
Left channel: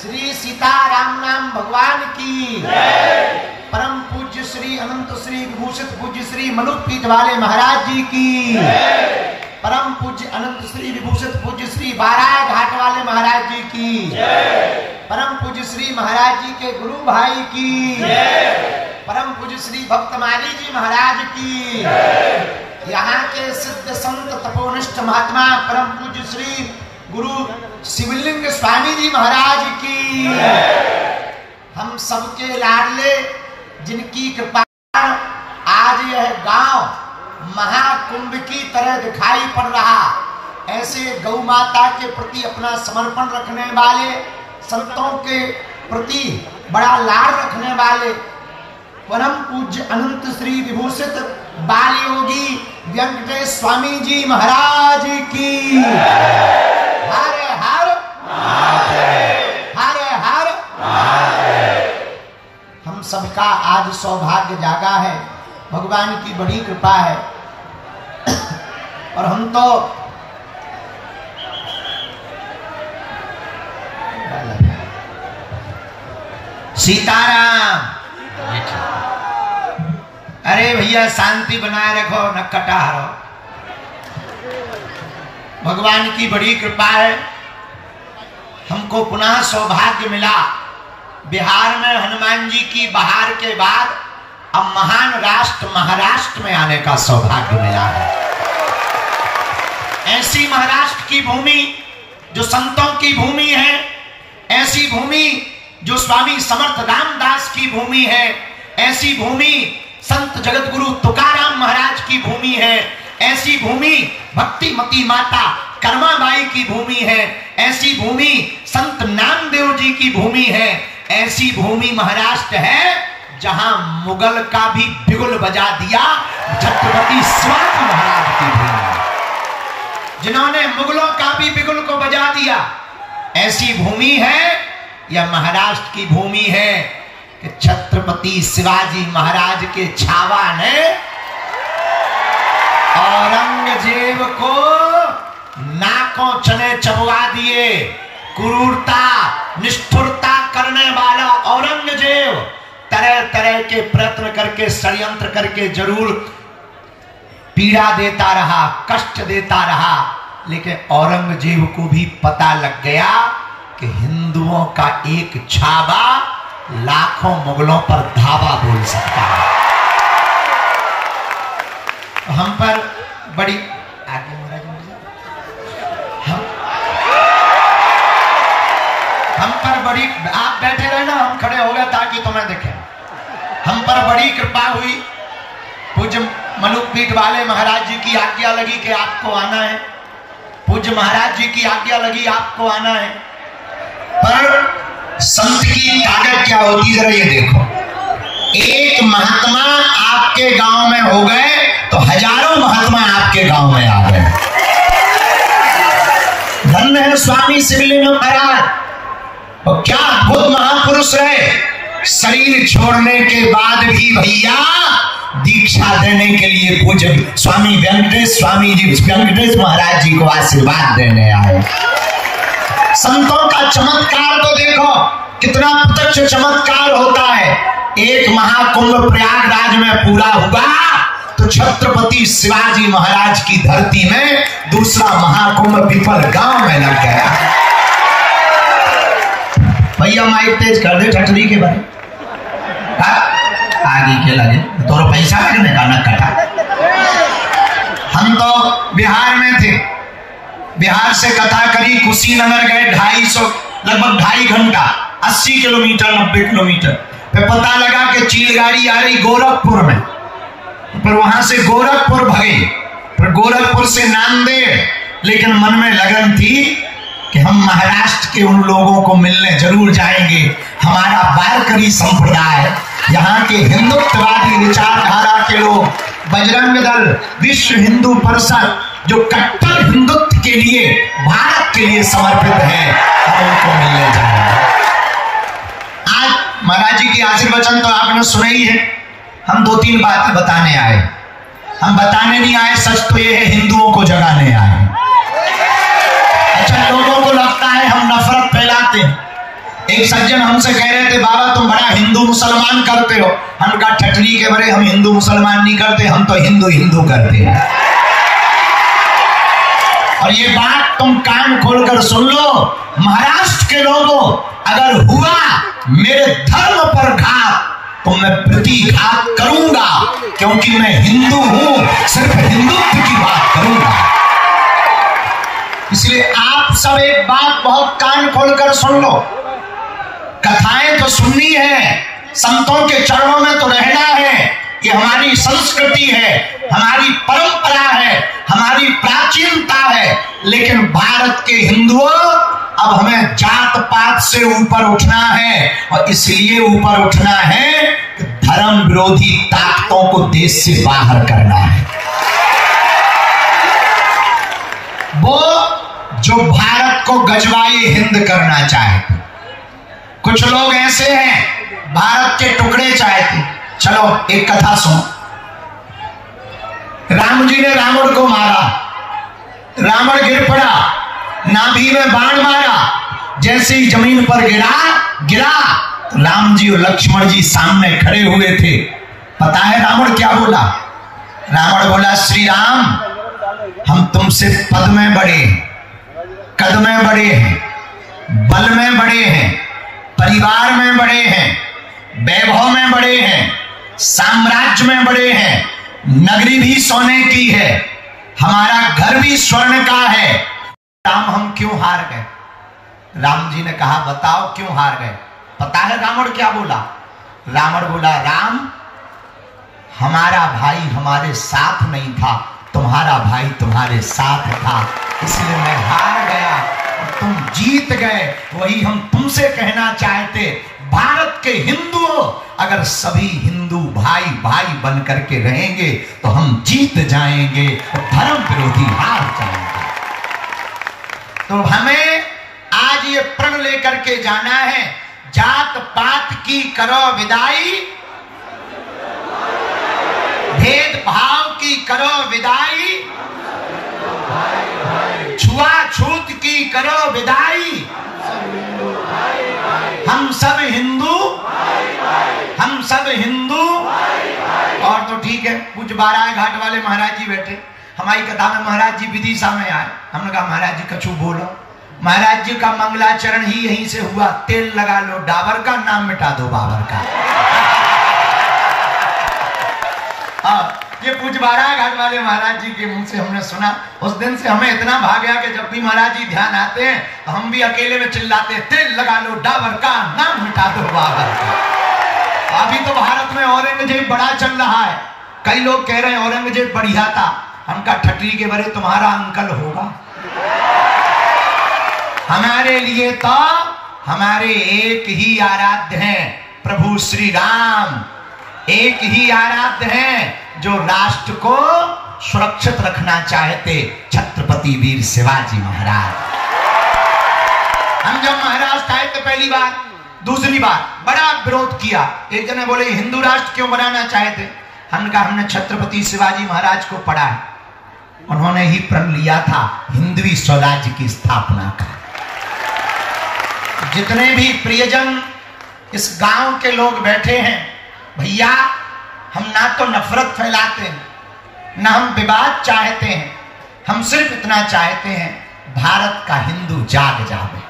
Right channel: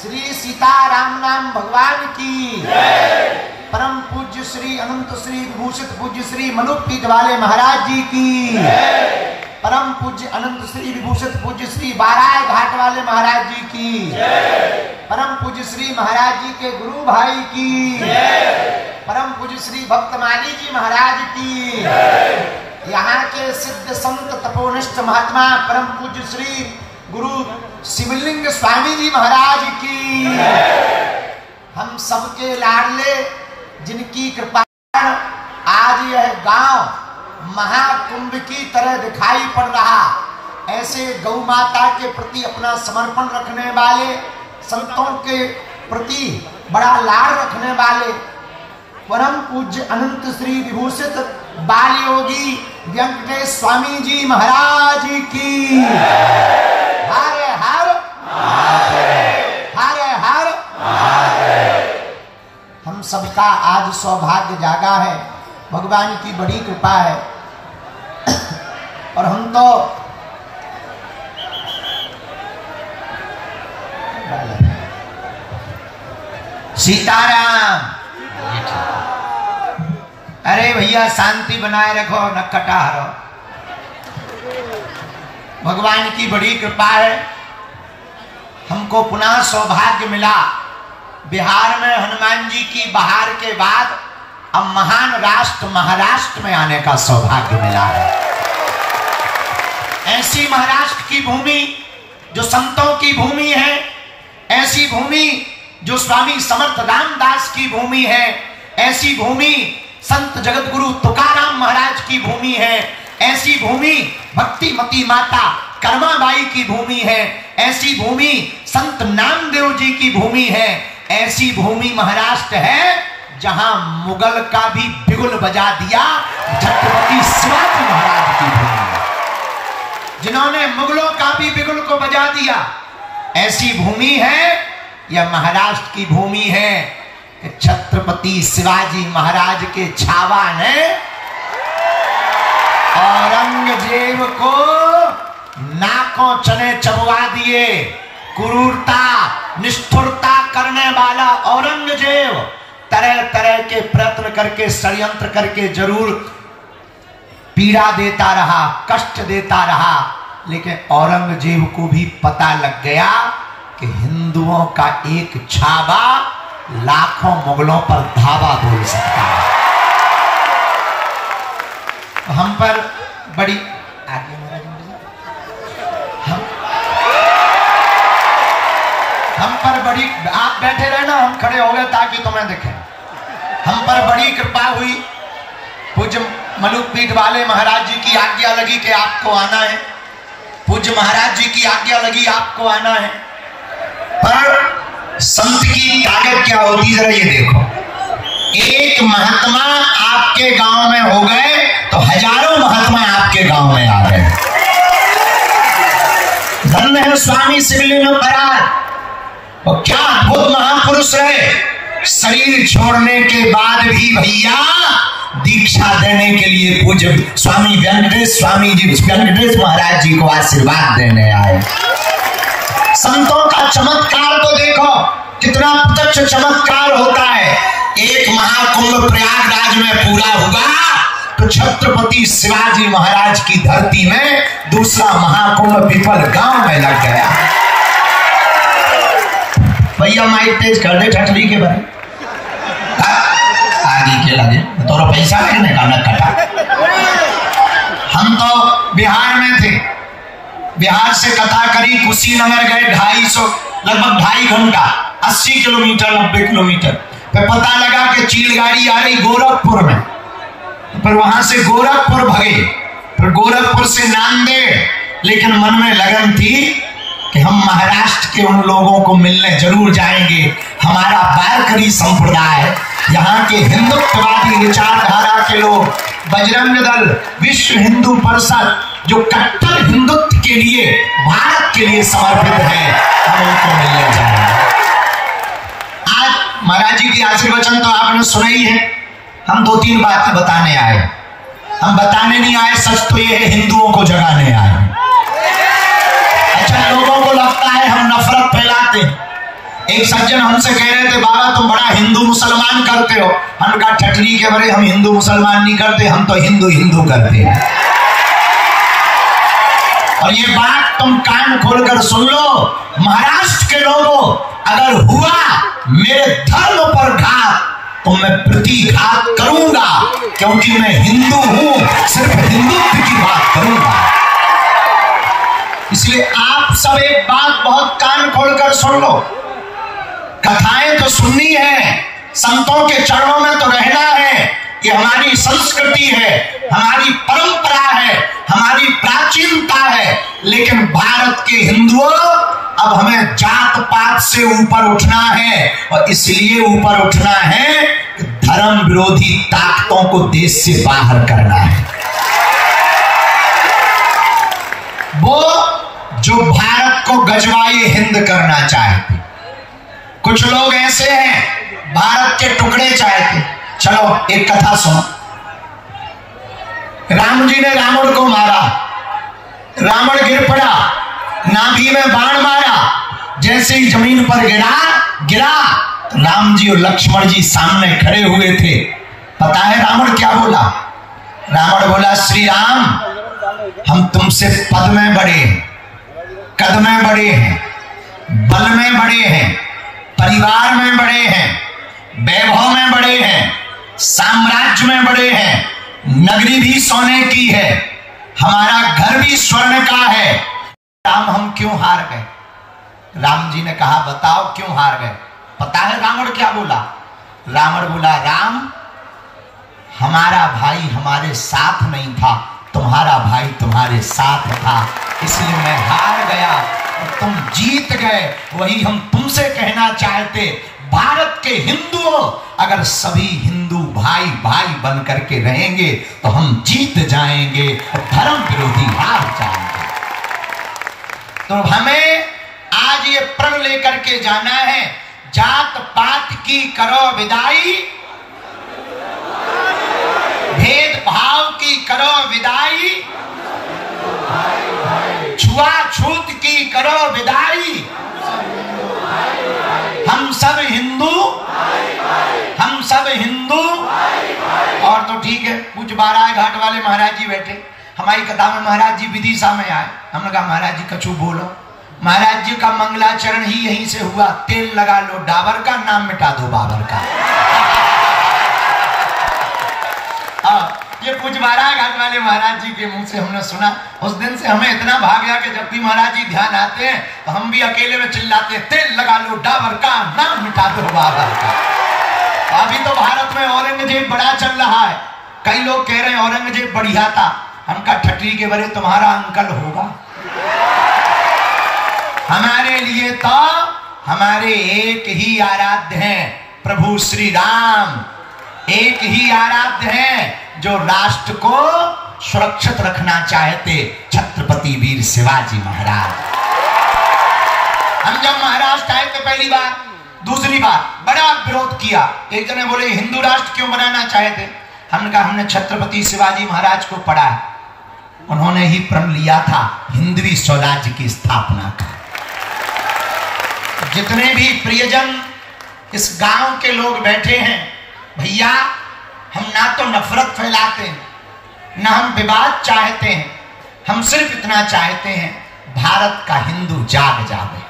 श्री सीताराम नाम भगवान की, परम पूज्य श्री अनंत श्री विभूषित पूज्य श्री मलुकपीठ वाले महाराज जी की, परम पूज्य अनंत श्री विभूषित पूज्य श्री बाराय घाट वाले महाराज जी की, परम पूज्य श्री महाराज जी के गुरु भाई की, परम पूज्य श्री भक्तमाली जी महाराज की, यहाँ के सिद्ध संत तपोनिष्ठ महात्मा परम पूज्य श्री गुरु शिवलिंग स्वामी जी महाराज की, हम सबके लाडले जिनकी कृपा आज यह गांव महाकुंभ की तरह दिखाई पड़ रहा, ऐसे गौ माता के प्रति अपना समर्पण रखने वाले, संतों के प्रति बड़ा लाड़ रखने वाले परम पूज्य अनंत श्री विभूषित बाल योगी वेंकटेश स्वामी जी महाराज की हर हर हर हर। हम सबका आज सौभाग्य जागा है, भगवान की बड़ी कृपा है, और हम तो सीताराम। अरे भैया शांति बनाए रखो, न कटा हरो। भगवान की बड़ी कृपा है, हमको पुनः सौभाग्य मिला बिहार में हनुमान जी की बहार के बाद अब महान राष्ट्र महाराष्ट्र में आने का सौभाग्य मिला है। ऐसी महाराष्ट्र की भूमि जो संतों की भूमि है, ऐसी भूमि जो स्वामी समर्थ रामदास की भूमि है, ऐसी भूमि संत जगत गुरु तुकाराम महाराज की भूमि है, ऐसी भूमि भक्तिमती माता कर्माबाई की भूमि है, ऐसी भूमि संत नामदेव जी की भूमि है, ऐसी भूमि महाराष्ट्र है जहां मुगल का भी बिगुल बजा दिया छत्रपति शिवाजी महाराज की भूमि है, जिन्होंने मुगलों का भी बिगुल को बजा दिया। ऐसी भूमि है, यह महाराष्ट्र की भूमि है कि छत्रपति शिवाजी महाराज के छावा ने औरंगजेब को नाकों चने चबवा दिए। क्रूरता निष्ठुरता करने वाला औरंगजेब तरह तरह के प्रयत्न करके षड्यंत्र करके जरूर पीड़ा देता रहा, कष्ट देता रहा, लेकिन औरंगजेब को भी पता लग गया कि हिंदुओं का एक छावा लाखों मुगलों पर धावा बोल सकता है। हम पर बड़ी आगे हम पर बड़ी, आप बैठे रहे ना, हम खड़े हो गए ताकि तुम्हें देखें। हम पर बड़ी कृपा हुई पूज्य मलुकपीठ वाले महाराज जी की आज्ञा लगी कि आपको आना है, पूज्य महाराज जी की आज्ञा लगी आपको आना है। पर संत की ताकत क्या होती जरा ये देखो, एक महात्मा आपके गांव में हो गए तो हजारों महात्मा आपके गांव में आ गए। धन्य है स्वामी शिवलिंग महाराज, और क्या अद्भुत महापुरुष रहे। शरीर छोड़ने के बाद भी भैया दीक्षा देने के लिए पूज्य स्वामी वेंकटेश महाराज जी को आशीर्वाद देने आए। संतों का चमत्कार तो देखो कितना प्रत्यक्ष चमत्कार होता है। एक महाकुंभ प्रयागराज में पूरा हुआ तो छत्रपति शिवाजी महाराज की धरती में दूसरा महाकुंभ पिपल गांव में लग गया। भैया माइक तेज कर दे ठठरी के बारे आगे के लगे तो पैसा लगने का न कटा। हम तो बिहार में थे, बिहार से कथा करी कुशीनगर गए 250 लगभग 2.5 घंटा 80 किलोमीटर 90 किलोमीटर। फिर पता लगा कि चील गाड़ी आ रही गोरखपुर में, फिर वहां से गोरखपुर भगे, फिर गोरखपुर से नांदेड़। लेकिन मन में लगन थी कि हम महाराष्ट्र के उन लोगों को मिलने जरूर जाएंगे। हमारा वारकरी संप्रदाय, यहाँ के हिंदुत्ववादी विचारधारा के लोग, बजरंग दल, विश्व हिंदू परिषद, जो कट्टर हिंदुत्व के लिए भारत के लिए समर्पित है, हम उनको मिलने जाएंगे। आज महाराज जी की आशीर्वचन तो आपने सुना ही है। हम 2-3 बातें बताने आए। हम बताने नहीं आए, सच तो ये है हिंदुओं को जगाने आए। अच्छा, लोगों को लगता है हम नफरत फैलाते हैं। एक सज्जन हमसे कह रहे थे, बाबा तुम बड़ा हिंदू मुसलमान करते हो। हम कहा ठठरी के बड़े, हम हिंदू मुसलमान नहीं करते, हम तो हिंदू हिंदू करते हैं। और ये बात तुम कान खोलकर सुन लो, महाराष्ट्र के लोगों, अगर हुआ मेरे धर्म पर घात तो मैं प्रतिघात करूंगा, क्योंकि मैं हिंदू हूं, सिर्फ हिंदुत्व की बात करूंगा। इसलिए आप सब एक बात बहुत कान खोलकर सुन लो, कथाएं तो सुननी है, संतों के चरणों में तो रहना है। ये हमारी संस्कृति है, हमारी परंपरा है, हमारी प्राचीनता है। लेकिन भारत के हिंदुओं, अब हमें जात पात से ऊपर उठना है, और इसलिए ऊपर उठना है कि धर्म विरोधी ताकतों को देश से बाहर करना है। वो जो भारत को गजवाई हिंद करना चाहते, कुछ लोग ऐसे हैं भारत के टुकड़े चाहते। चलो एक कथा सुनो। राम जी ने रावण को मारा, रावण गिर पड़ा, नाभि में बाण मारा, जैसे ही जमीन पर गिरा राम जी और लक्ष्मण जी सामने खड़े हुए थे। पता है रावण क्या बोला? रावण बोला, श्री राम, हम तुमसे पद में बड़े हैं, कद में बड़े हैं, बल में बड़े हैं, परिवार में बड़े हैं, वैभव में बड़े हैं, साम्राज्य में बड़े हैं, नगरी भी सोने की है, हमारा घर भी स्वर्ण का है। राम, हम क्यों हार गए? राम जी ने कहा, बताओ क्यों हार गए? पता है रावण क्या बोला? रावण बोला, राम, हमारा भाई हमारे साथ नहीं था, तुम्हारा भाई तुम्हारे साथ था, इसलिए मैं हार गया और तुम जीत गए। वही हम तुमसे कहना चाहते, भारत के हिंदुओं, अगर सभी हिंदू भाई भाई बन करके रहेंगे तो हम जीत जाएंगे और धर्म विरोधी हार जाएंगे। तो हमें आज ये प्रण लेकर के जाना है, जात पात की करो विदाई, भेदभाव की करो विदाई, छुआछूत की करो विदाई, हम सब हिंदू, हम सब हिंदू। और तो ठीक है, कुछ बाराय घाट वाले महाराज जी बैठे, हमारी कथा में महाराज जी विदिशा में आए। हमने कहा महाराज जी कछु बोलो। महाराज जी का मंगलाचरण ही यहीं से हुआ, तेल लगा लो डाबर का, नाम मिटा दो बाबर का। ये पूज बाराय घाट वाले महाराज जी के मुंह से हमने सुना। उस दिन से हमें इतना भाग गया कि जब भी महाराज जी ध्यान आते हैं तो हम भी अकेले में चिल्लाते, तेल लगा लो डाबर का, नाम मिटा दो बाबर का। अभी तो भारत में औरंगजेब बड़ा चल रहा है, कई लोग कह रहे हैं औरंगजेब बढ़िया था, हमका ठटरी के बरे तुम्हारा अंकल होगा। हमारे लिए तो हमारे एक ही आराध्य हैं, प्रभु श्री राम। एक ही आराध्य हैं जो राष्ट्र को सुरक्षित रखना चाहते, छत्रपति वीर शिवाजी महाराज। हम जब महाराष्ट्र आए थे पहली बार, दूसरी बार बड़ा विरोध किया। एक जने बोले हिंदू राष्ट्र क्यों बनाना चाहते? हमने कहा हमने छत्रपति शिवाजी महाराज को पढ़ा है, उन्होंने ही प्रण लिया था हिंदवी स्वराज्य की स्थापना का। जितने भी प्रियजन इस गांव के लोग बैठे हैं, भैया हम ना तो नफरत फैलाते हैं ना हम विवाद चाहते हैं, हम सिर्फ इतना चाहते हैं भारत का हिंदू जाग जाए।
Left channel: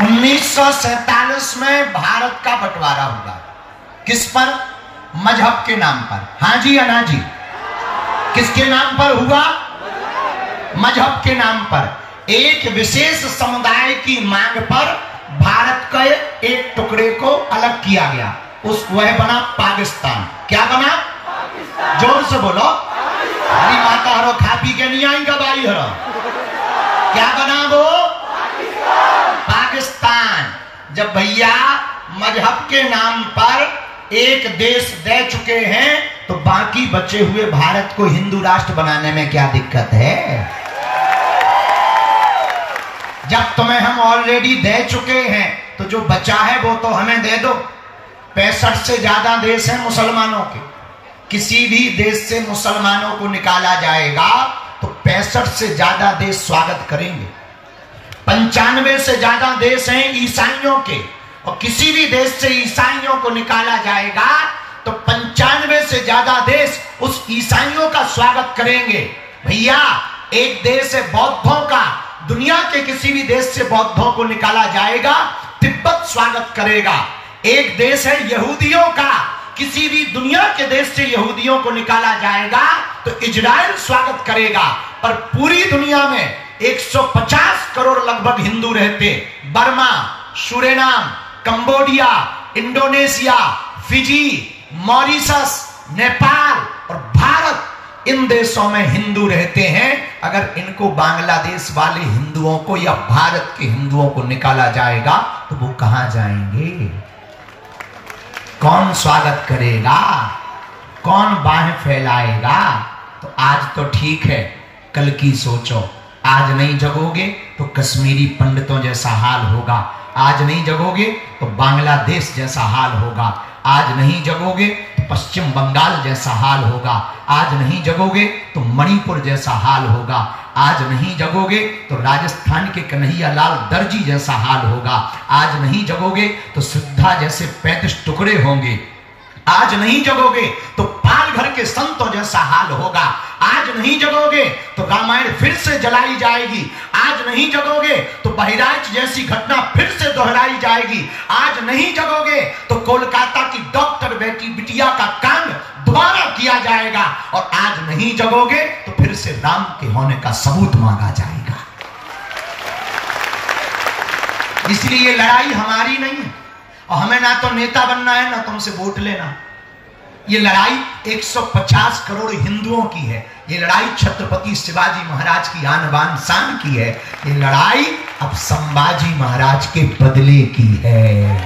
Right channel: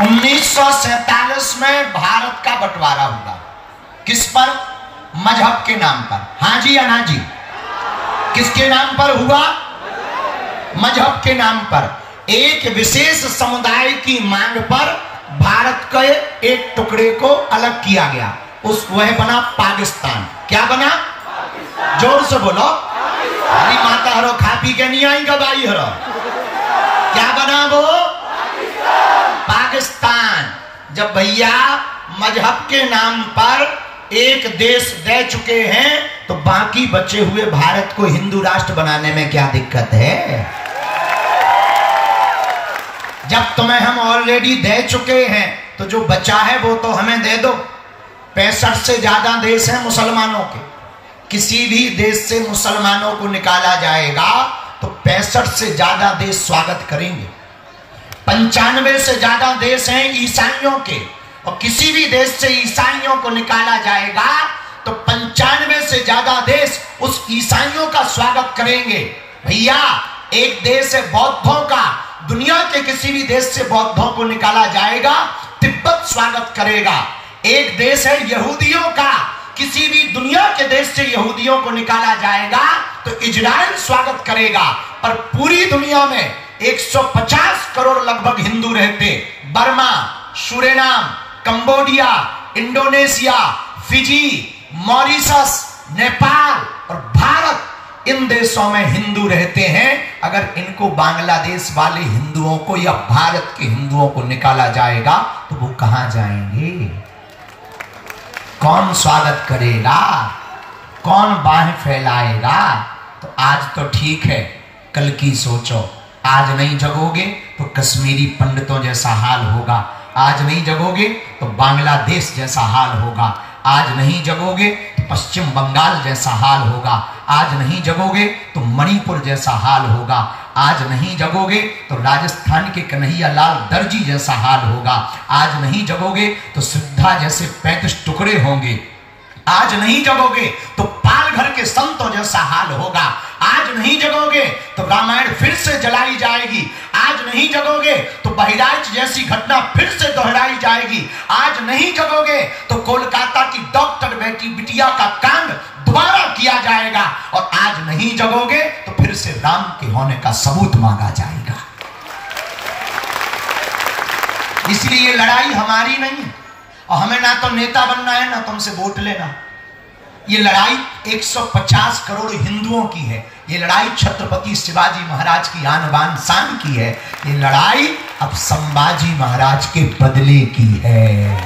1947 में भारत का बंटवारा हुआ, किस पर? मजहब के नाम पर। हाँ जी या ना जी? किसके नाम पर हुआ? मजहब के नाम पर। एक विशेष समुदाय की मांग पर भारत के एक टुकड़े को अलग किया गया, वह बना पाकिस्तान। क्या बना? जोर से बोलो। हरी माता हरो खा पी के नहीं आएगा भाई हरो। क्या बना वो? पाकिस्तान। जब भैया मजहब के नाम पर एक देश दे चुके हैं तो बाकी बचे हुए भारत को हिंदू राष्ट्र बनाने में क्या दिक्कत है? जब तुम्हें हम ऑलरेडी दे चुके हैं तो जो बचा है वो तो हमें दे दो। 65 से ज्यादा देश हैं मुसलमानों के, किसी भी देश से मुसलमानों को निकाला जाएगा तो 65 से ज्यादा देश स्वागत करेंगे। 95 से ज्यादा देश हैं ईसाइयों के, और किसी भी देश से ईसाइयों को निकाला जाएगा तो 95 से ज्यादा देश उस ईसाइयों का स्वागत करेंगे। भैया एक देश है बौद्धों का, दुनिया के किसी भी देश से बौद्धों को निकाला जाएगा तिब्बत स्वागत करेगा। एक देश है यहूदियों का, किसी भी दुनिया के देश से यहूदियों को निकाला जाएगा तो इजराइल स्वागत करेगा। पर पूरी दुनिया में 150 करोड़ लगभग हिंदू रहते। Burma, Suriname, Cambodia, Indonesia, Fiji, Mauritius, Nepal और भारत, इन देशों में हिंदू रहते हैं। अगर इनको बांग्लादेश वाले हिंदुओं को या भारत के हिंदुओं को निकाला जाएगा तो वो कहां जाएंगे? कौन स्वागत करेगा? कौन बाहें फैलाएगा? तो आज तो ठीक है, कल की सोचो। आज नहीं जगोगे तो कश्मीरी पंडितों जैसा हाल होगा, आज नहीं जगोगे तो बांग्लादेश जैसा हाल होगा, आज नहीं जगोगे तो पश्चिम बंगाल जैसा हाल होगा, आज नहीं जगोगे तो मणिपुर जैसा हाल होगा, आज नहीं जगोगे तो राजस्थान के कन्हैया लाल दर्जी जैसा हाल होगा, आज नहीं जगोगे तो सिद्धा जैसे 35 टुकड़े होंगे, आज नहीं जगोगे तो पालघर के संतों जैसा हाल होगा, आज नहीं जगोगे तो रामायण फिर से जलाई जाएगी, आज नहीं जगोगे तो बहराइच जैसी घटना फिर से दोहराई जाएगी, आज नहीं जगोगे तो कोलकाता की डॉक्टर बेटी बिटिया का कांड दोबारा किया जाएगा, और आज नहीं जगोगे तो फिर से राम के होने का सबूत मांगा जाएगा। इसलिए ये लड़ाई हमारी नहीं है, और हमें ना तो नेता बनना है ना तुमसे वोट लेना। ये लड़ाई 150 करोड़ हिंदुओं की है, ये लड़ाई छत्रपति शिवाजी महाराज की आन बान शान की है, ये लड़ाई अब संभाजी महाराज के बदले की है,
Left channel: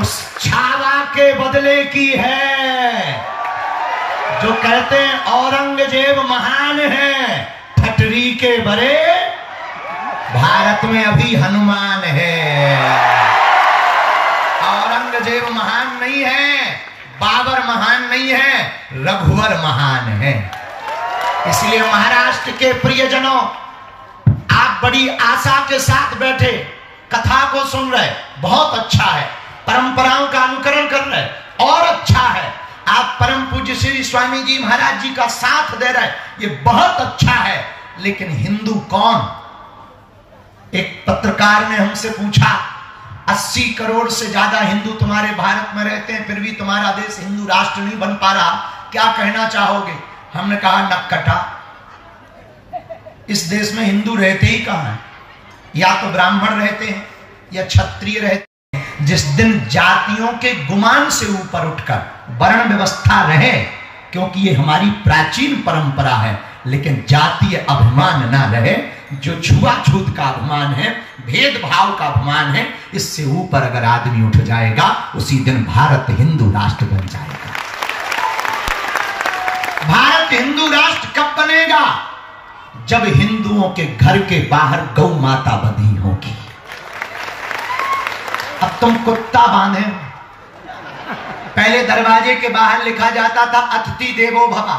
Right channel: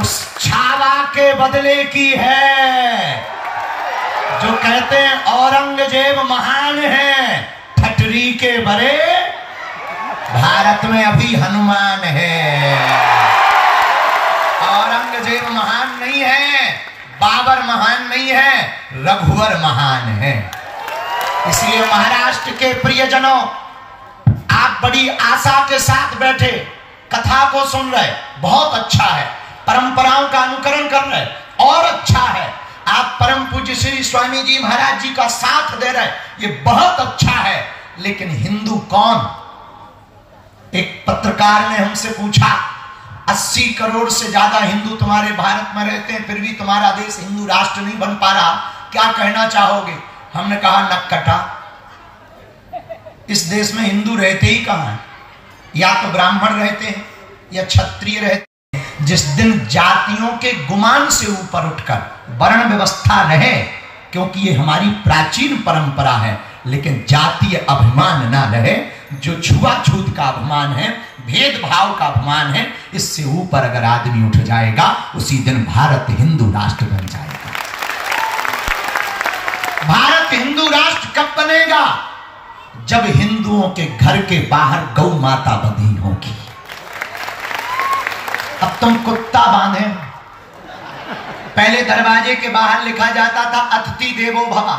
उस छावा के बदले की है। जो कहते हैं औरंगजेब महान है, ठटरी के बरे भारत में अभी हनुमान है। औरंगजेब महान नहीं है, बाबर महान नहीं है, रघुवर महान है। इसलिए महाराष्ट्र के प्रियजनों, आप बड़ी आशा के साथ बैठे कथा को सुन रहे, बहुत अच्छा है, परंपराओं का अनुकरण कर रहे, और अच्छा है। आप परम पूज्य श्री स्वामी जी महाराज जी का साथ दे रहे, ये बहुत अच्छा है। लेकिन हिंदू कौन? एक पत्रकार ने हमसे पूछा, 80 करोड़ से ज्यादा हिंदू तुम्हारे भारत में रहते हैं, फिर भी तुम्हारा देश हिंदू राष्ट्र नहीं बन पा रहा, क्या कहना चाहोगे? हमने कहा नक्कटा, इस देश में हिंदू रहते ही कहां है? या तो ब्राह्मण रहते हैं या क्षत्रिय रहते हैं, जिस दिन जातियों के गुमान से ऊपर उठकर वर्ण व्यवस्था रहे, क्योंकि ये हमारी प्राचीन परंपरा है, लेकिन जातीय अभिमान ना रहे, जो छुआछूत का अभिमान है, भेदभाव का अभिमान है, इससे ऊपर अगर आदमी उठ जाएगा, उसी दिन भारत हिंदू राष्ट्र बन जाएगा। भारत हिंदू राष्ट्र कब बनेगा? जब हिंदुओं के घर के बाहर गौ माता बंधी होगी। अब तुम कुत्ता बांधे, पहले दरवाजे के बाहर लिखा जाता था अतिथि देवो भवा।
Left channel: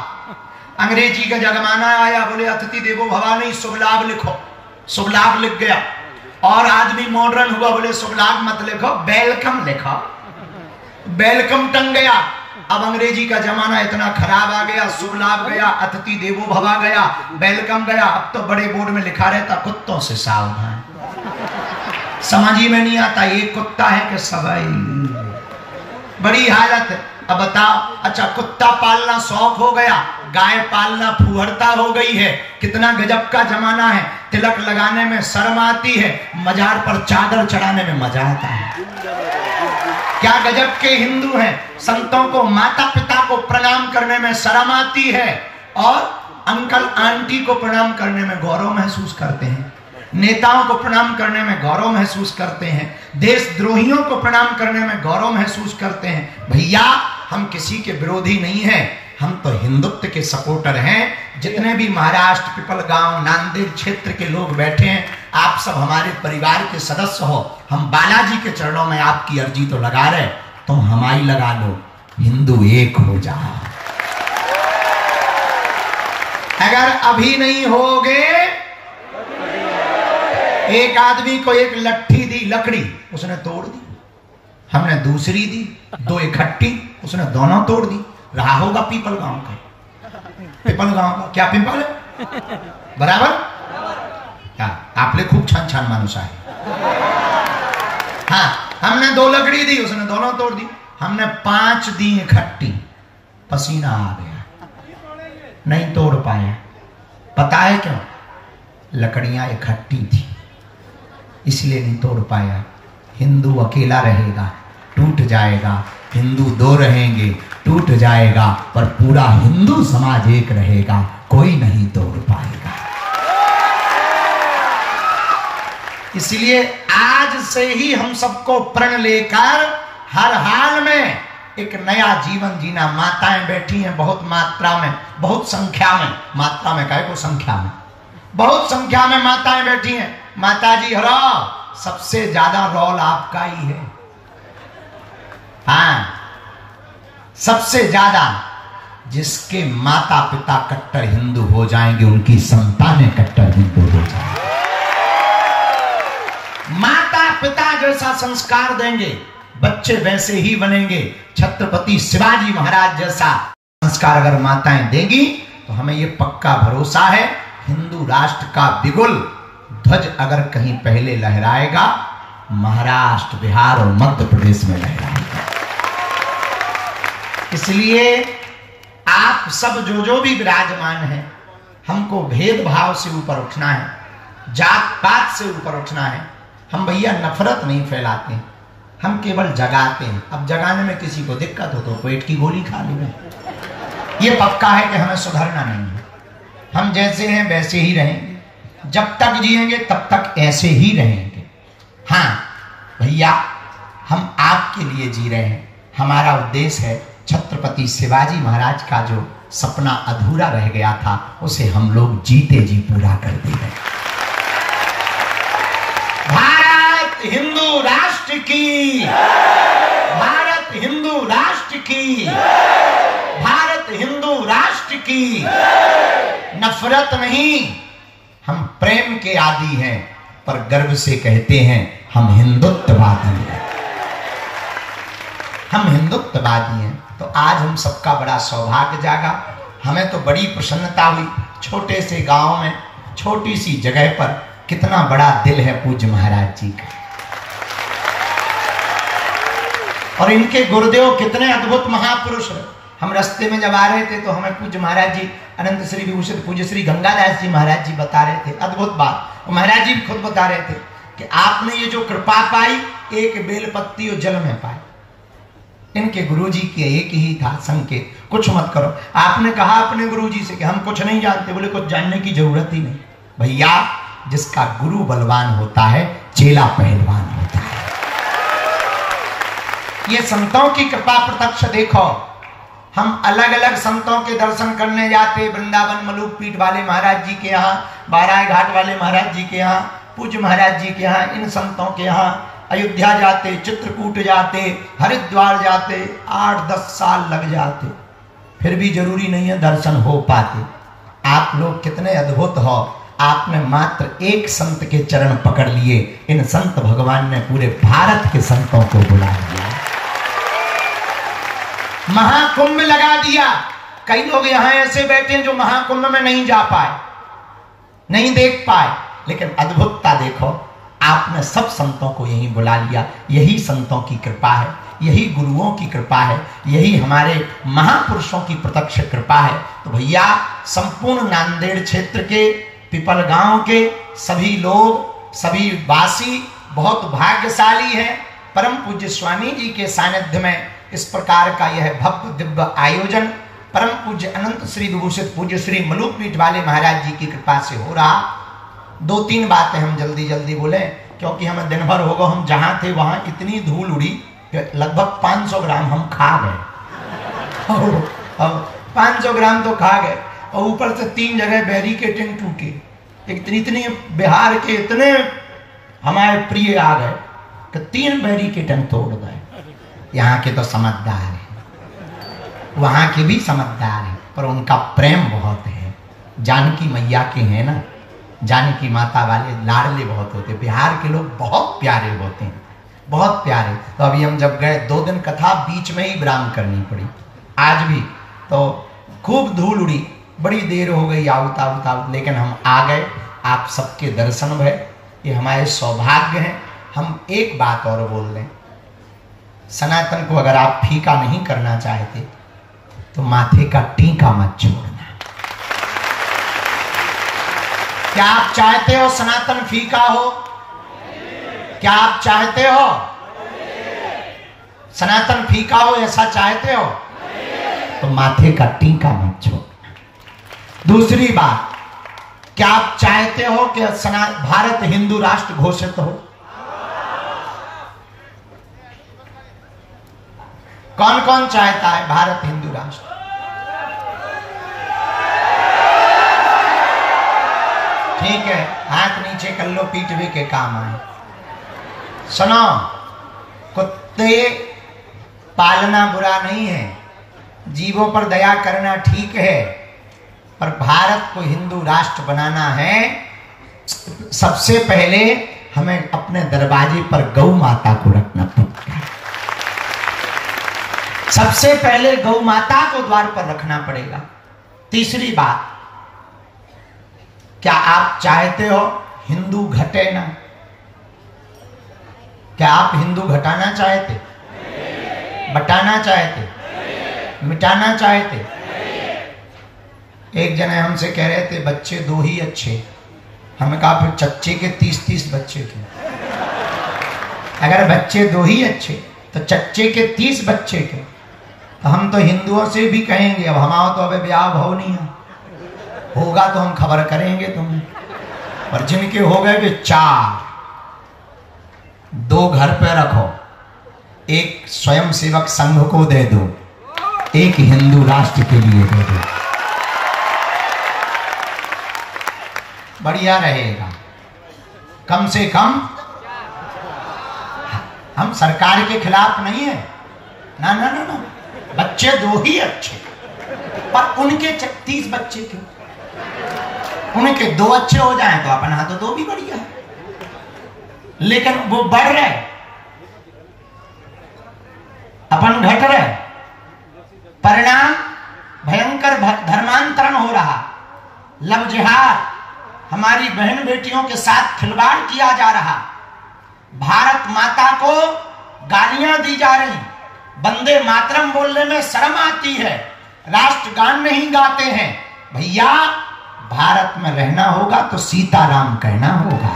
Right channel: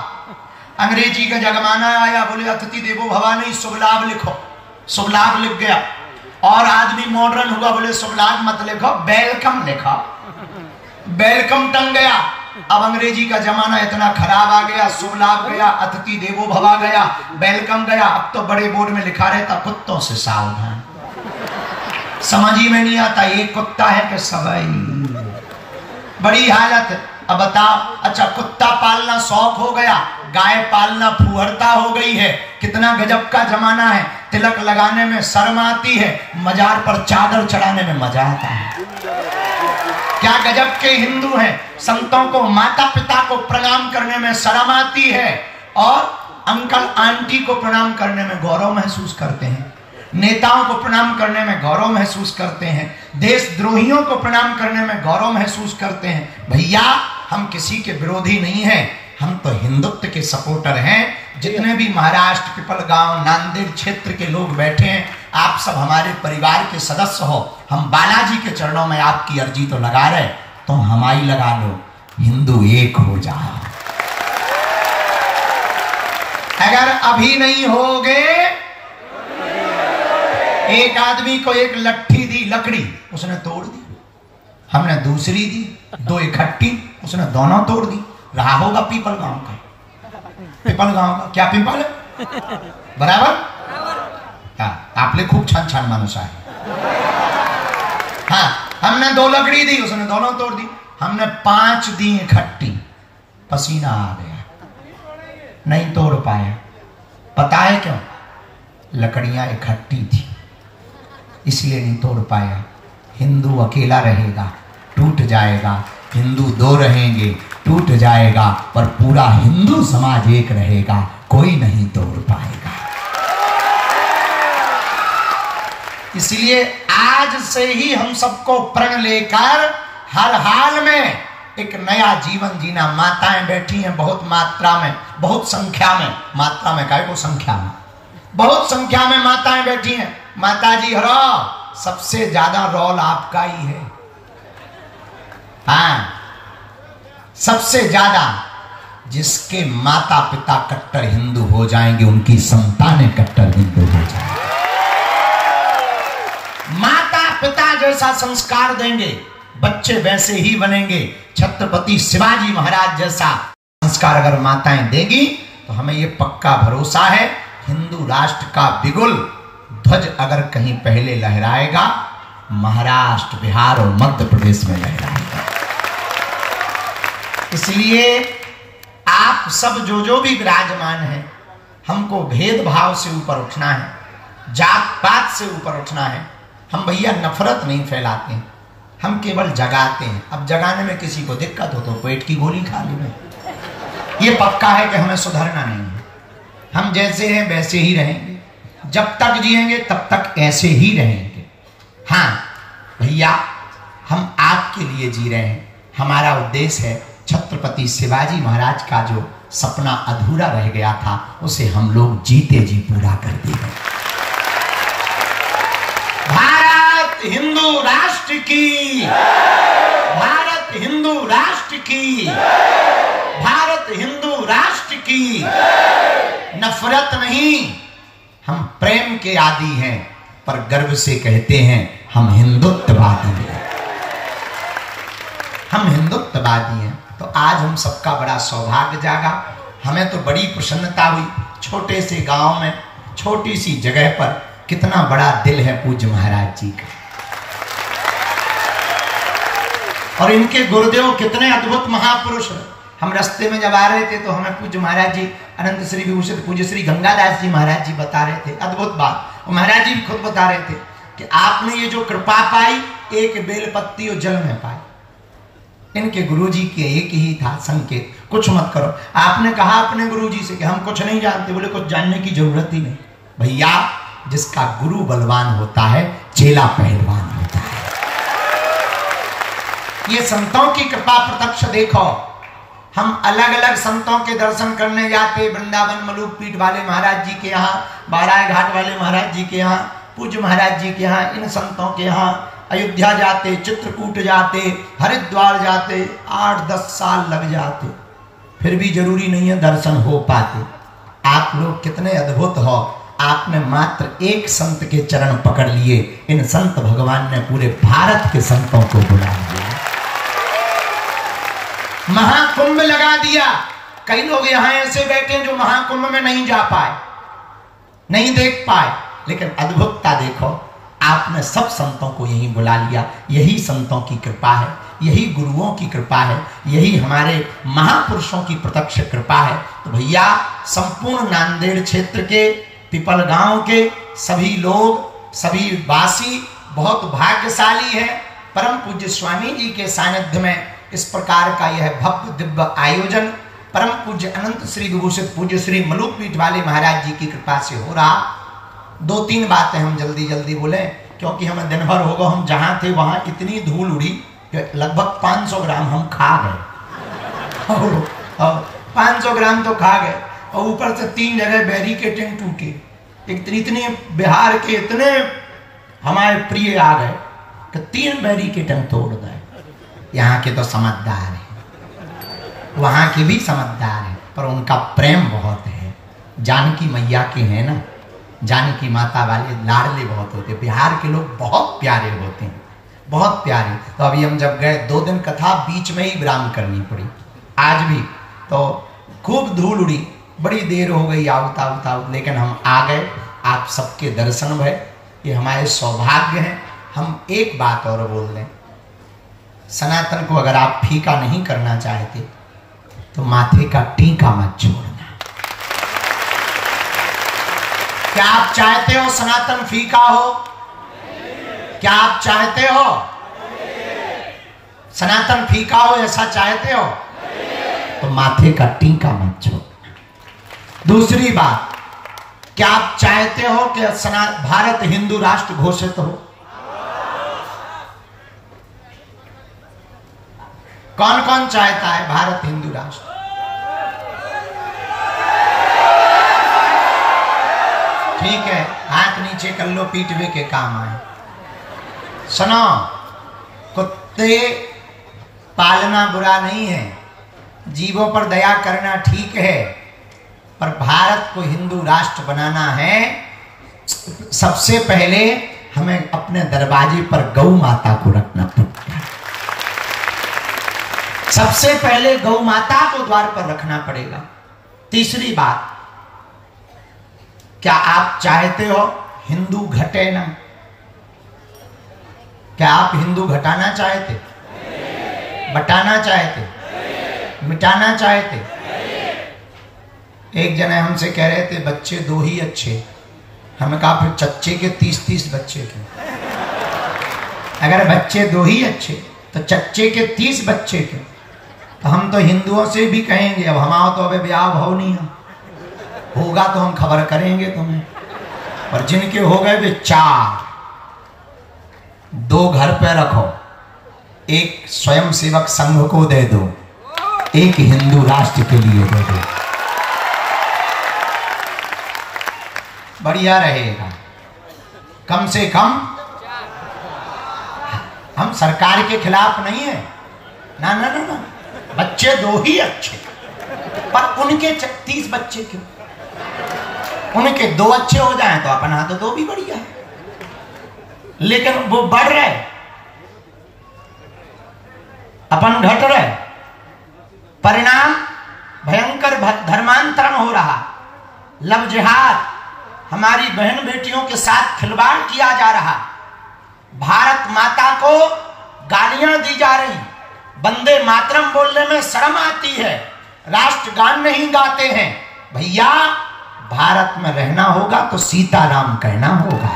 अंग्रेजी का जमाना आया, बोले अतिथि देवो भवा नहीं, शुभ लाभ लिखो। शुभ लाभ लिख गया। और आदमी मॉडर्न हुआ, बोले शुभ लाभ मत लिखो, वेलकम लिखो। वेलकम टंग गया। अब अंग्रेजी का जमाना इतना खराब आ गया, शुभ लाभ गया, अतिथि देवो भवा गया, वेलकम गया। अब तो बड़े बोर्ड में लिखा रहता कुत्तों से सावधान। समझ ही में नहीं आता ये कुत्ता है कि सवाई। बड़ी हालत है। अब बताओ, अच्छा कुत्ता पालना शौक हो गया, गाय पालना फुहरता हो गई है। कितना गजब का जमाना है। तिलक लगाने में शर्म आती है, मजार पर चादर चढ़ाने में मजा आता है। क्या गजब के हिंदू हैं। संतों को, माता पिता को प्रणाम करने में शर्म आती है और अंकल आंटी को प्रणाम करने में गौरव महसूस करते हैं। नेताओं को प्रणाम करने में गौरव महसूस करते हैं। देशद्रोहियों को प्रणाम करने में गौरव महसूस करते हैं। भैया हम किसी के विरोधी नहीं हैं, हम तो हिंदुत्व के सपोर्टर हैं। जितने भी महाराष्ट्र, पिपलगांव, नांदेड़ क्षेत्र के लोग बैठे हैं, आप सब हमारे परिवार के सदस्य हो। हम बालाजी के चरणों में आपकी अर्जी तो लगा रहे, तुम हमारी लगा लो, हिंदू एक हो जाओ। अगर अभी नहीं होगे, एक आदमी को एक लट्ठी दी, लकड़ी, उसने तोड़ दी। हमने दूसरी दी, दो इकट्ठी, उसने दोनों तोड़ दी। रहा होगा पीपल गांव का। पीपल गांव का क्या पीपल है? बराबर। आपले खूब छान छान मानुस आहे। हाँ, हमने दो लकड़ी दी, उसने दोनों तोड़ दी। हमने 5 दी इकट्ठी, पसीना आ गया, नहीं तोड़ पाया। पता है क्यों? लकड़ियां इकट्ठी थी, इसलिए नहीं तोड़ पाया। हिंदू अकेला रहेगा, टूट जाएगा। हिंदू 2 रहेंगे, टूट जाएगा। पर पूरा हिंदू समाज एक रहेगा, कोई नहीं तोड़ पाएगा। इसलिए आज से ही हम सबको प्रण लेकर हर हाल में एक नया जीवन जीना। माताएं बैठी हैं बहुत मात्रा में, बहुत संख्या में। मात्रा में काहे को संख्या में, बहुत संख्या में माताएं बैठी हैं। माता जी हरो, सबसे ज्यादा रोल आपका ही है। हाँ, सबसे ज्यादा। जिसके माता पिता कट्टर हिंदू हो जाएंगे, उनकी संतानें कट्टर हिंदू हो जाएंगे। माता पिता जैसा संस्कार देंगे, बच्चे वैसे ही बनेंगे। छत्रपति शिवाजी महाराज जैसा संस्कार अगर माताएं देगी, तो हमें यह पक्का भरोसा है, हिंदू राष्ट्र का बिगुल ध्वज अगर कहीं पहले लहराएगा, महाराष्ट्र, बिहार और मध्य प्रदेश में लहराएगा। इसलिए आप सब जो भी विराजमान है, हमको भेदभाव से ऊपर उठना है, जात पात से ऊपर उठना है। हम भैया नफरत नहीं फैलाते, हम केवल जगाते हैं। अब जगाने में किसी को दिक्कत हो तो पेट की गोली खा ली। ये पक्का है कि हमें सुधरना नहीं है। हम जैसे हैं वैसे ही रहेंगे, जब तक जिएंगे तब तक ऐसे ही रहेंगे। हाँ भैया, हम आपके लिए जी रहे हैं। हमारा उद्देश्य है छत्रपति शिवाजी महाराज का जो सपना अधूरा रह गया था, उसे हम लोग जीते जी पूरा कर देंगे। भारत हिंदू राष्ट्र की, भारत हिंदू राष्ट्र की, भारत हिंदू राष्ट्र की। नफरत नहीं, हम प्रेम के आदी हैं, पर गर्व से कहते हैं हम हिंदुत्ववादी हैं। हम हिंदुत्ववादी हैं। तो आज हम सबका बड़ा सौभाग्य जागा। हमें तो बड़ी प्रसन्नता हुई। छोटे से गांव में, छोटी सी जगह पर कितना बड़ा दिल है पूज्य महाराज जी का। और इनके गुरुदेव कितने अद्भुत महापुरुष हैं। हम रास्ते में जब आ रहे थे तो हमें पूज्य महाराज जी, अनंत श्री विभूषित पूज्य श्री गंगादास जी महाराज जी बता रहे थे अद्भुत बात। और महाराज जी खुद बता रहे थे कि आपने ये जो कृपा पाई, एक बेलपत्ती और जल में पाए। इनके गुरुजी के एक ही था संकेत, कुछ मत करो। आपने कहा अपने गुरुजी से कि हम कुछ नहीं जानते, बोले कुछ जानने की जरूरत ही नहीं। भैया जिसका गुरु बलवान होता है चेला पहलवान होता है। ये संतों की कृपा प्रत्यक्ष देखो। हम अलग अलग संतों के दर्शन करने जाते, वृंदावन मलूक पीठ वाले महाराज जी के यहाँ, बाराय घाट वाले महाराज जी के यहाँ, पूज्य महाराज जी के यहाँ, इन संतों के यहाँ, अयोध्या जाते, चित्रकूट जाते, हरिद्वार जाते, 8-10 साल लग जाते, फिर भी जरूरी नहीं है दर्शन हो पाते। आप लोग कितने अद्भुत हो, आपने मात्र एक संत के चरण पकड़ लिए, इन संत भगवान ने पूरे भारत के संतों को बुला लिया, महाकुंभ लगा दिया। कई लोग यहां ऐसे बैठे हैं जो महाकुंभ में नहीं जा पाए, नहीं देख पाए, लेकिन अद्भुतता देखो, आपने सब संतों को यहीं बुला लिया। यही संतों की कृपा है, यही गुरुओं की कृपा है, यही हमारे महापुरुषों की प्रत्यक्ष कृपा है। तो भैया संपूर्ण नांदेड़ क्षेत्र के, पिपल गांव के सभी लोग, सभी वासी बहुत भाग्यशाली हैं। परम पूज्य स्वामी जी के सानिध्य में इस प्रकार का यह भव्य दिव्य आयोजन परम पूज्य अनंत श्री विभूषित पूज्य श्री मलूक पीठ वाले महाराज जी की कृपा से हो रहा। 2-3 बातें हम जल्दी जल्दी बोले, क्योंकि हमें दिन भर होगा। हम जहां थे वहां इतनी धूल उड़ी कि लगभग 500 ग्राम हम खा गए। 500 ग्राम तो खा गए, और ऊपर से 3 जगह बैरिकेडिंग टूटी। इतने बिहार के इतने हमारे प्रिय आ गए कि 3 बैरिकेडिंग तोड़ गए। यहाँ के तो समझदार है, वहां के भी समझदार है, पर उनका प्रेम बहुत है। जानकी मैया के हैं ना, जानकी माता वाले लाडले बहुत होते। बिहार के लोग बहुत प्यारे होते हैं, बहुत प्यारे। तो अभी हम जब गए 2 दिन कथा बीच में ही विराम करनी पड़ी। आज भी तो खूब धूल उड़ी, बड़ी देर हो गई आउट, लेकिन हम आ गए। आप सबके दर्शन भय, ये हमारे सौभाग्य हैं। हम एक बात और बोल दें, सनातन को अगर आप फीका नहीं करना चाहते तो माथे का टीका मत छोड़ना। क्या आप चाहते हो सनातन फीका हो? क्या आप चाहते हो सनातन फीका हो? ऐसा चाहते हो तो माथे का टीका मत छोड़ना। दूसरी बात, क्या आप चाहते हो कि भारत हिंदू राष्ट्र घोषित हो? कौन कौन चाहता है भारत हिंदू राष्ट्र? ठीक है, हाथ नीचे कर लो, पीटवे के काम आए। सुनो, कुत्ते पालना बुरा नहीं है, जीवों पर दया करना ठीक है, पर भारत को हिंदू राष्ट्र बनाना है। सबसे पहले हमें अपने दरवाजे पर गौ माता को रखना पड़ेगा। सबसे पहले गौ माता को द्वार पर रखना पड़ेगा। तीसरी बात, क्या आप चाहते हो हिंदू घटे ना? क्या आप हिंदू घटाना चाहते? बटाना चाहते? मिटाना चाहते? एक जने हमसे कह रहे थे बच्चे 2 ही अच्छे। हमें कहा फिर चच्चे के 30-30 बच्चे क्यों? अगर बच्चे 2 ही अच्छे तो चच्चे के 30 बच्चे क्यों? तो हम तो हिंदुओं से भी कहेंगे, अब हमारा तो अबे ब्याह भाव नहीं है, होगा तो हम खबर करेंगे तुम्हें। पर जिनके हो गए वे 4, 2 घर पे रखो, एक स्वयं सेवक संघ को दे दो, एक हिंदू राष्ट्र के लिए दे दो, बढ़िया रहेगा। कम से कम हम सरकार के खिलाफ नहीं है ना, ना ना ना, बच्चे 2 ही अच्छे, पर उनके 30 बच्चे क्यों? उनके 2 अच्छे हो जाएं तो अपन हाथ तो 2 भी बढ़िया है, लेकिन वो बढ़ रहे, अपन घट रहे। परिणाम भयंकर धर्मांतरण हो रहा, लव जिहाद, हमारी बहन बेटियों के साथ खिलवाड़ किया जा रहा, भारत माता को गालियां दी जा रही, वंदे मातरम बोलने में शर्म आती है, राष्ट्रगान नहीं गाते हैं। भैया भारत में रहना होगा तो सीताराम कहना होगा।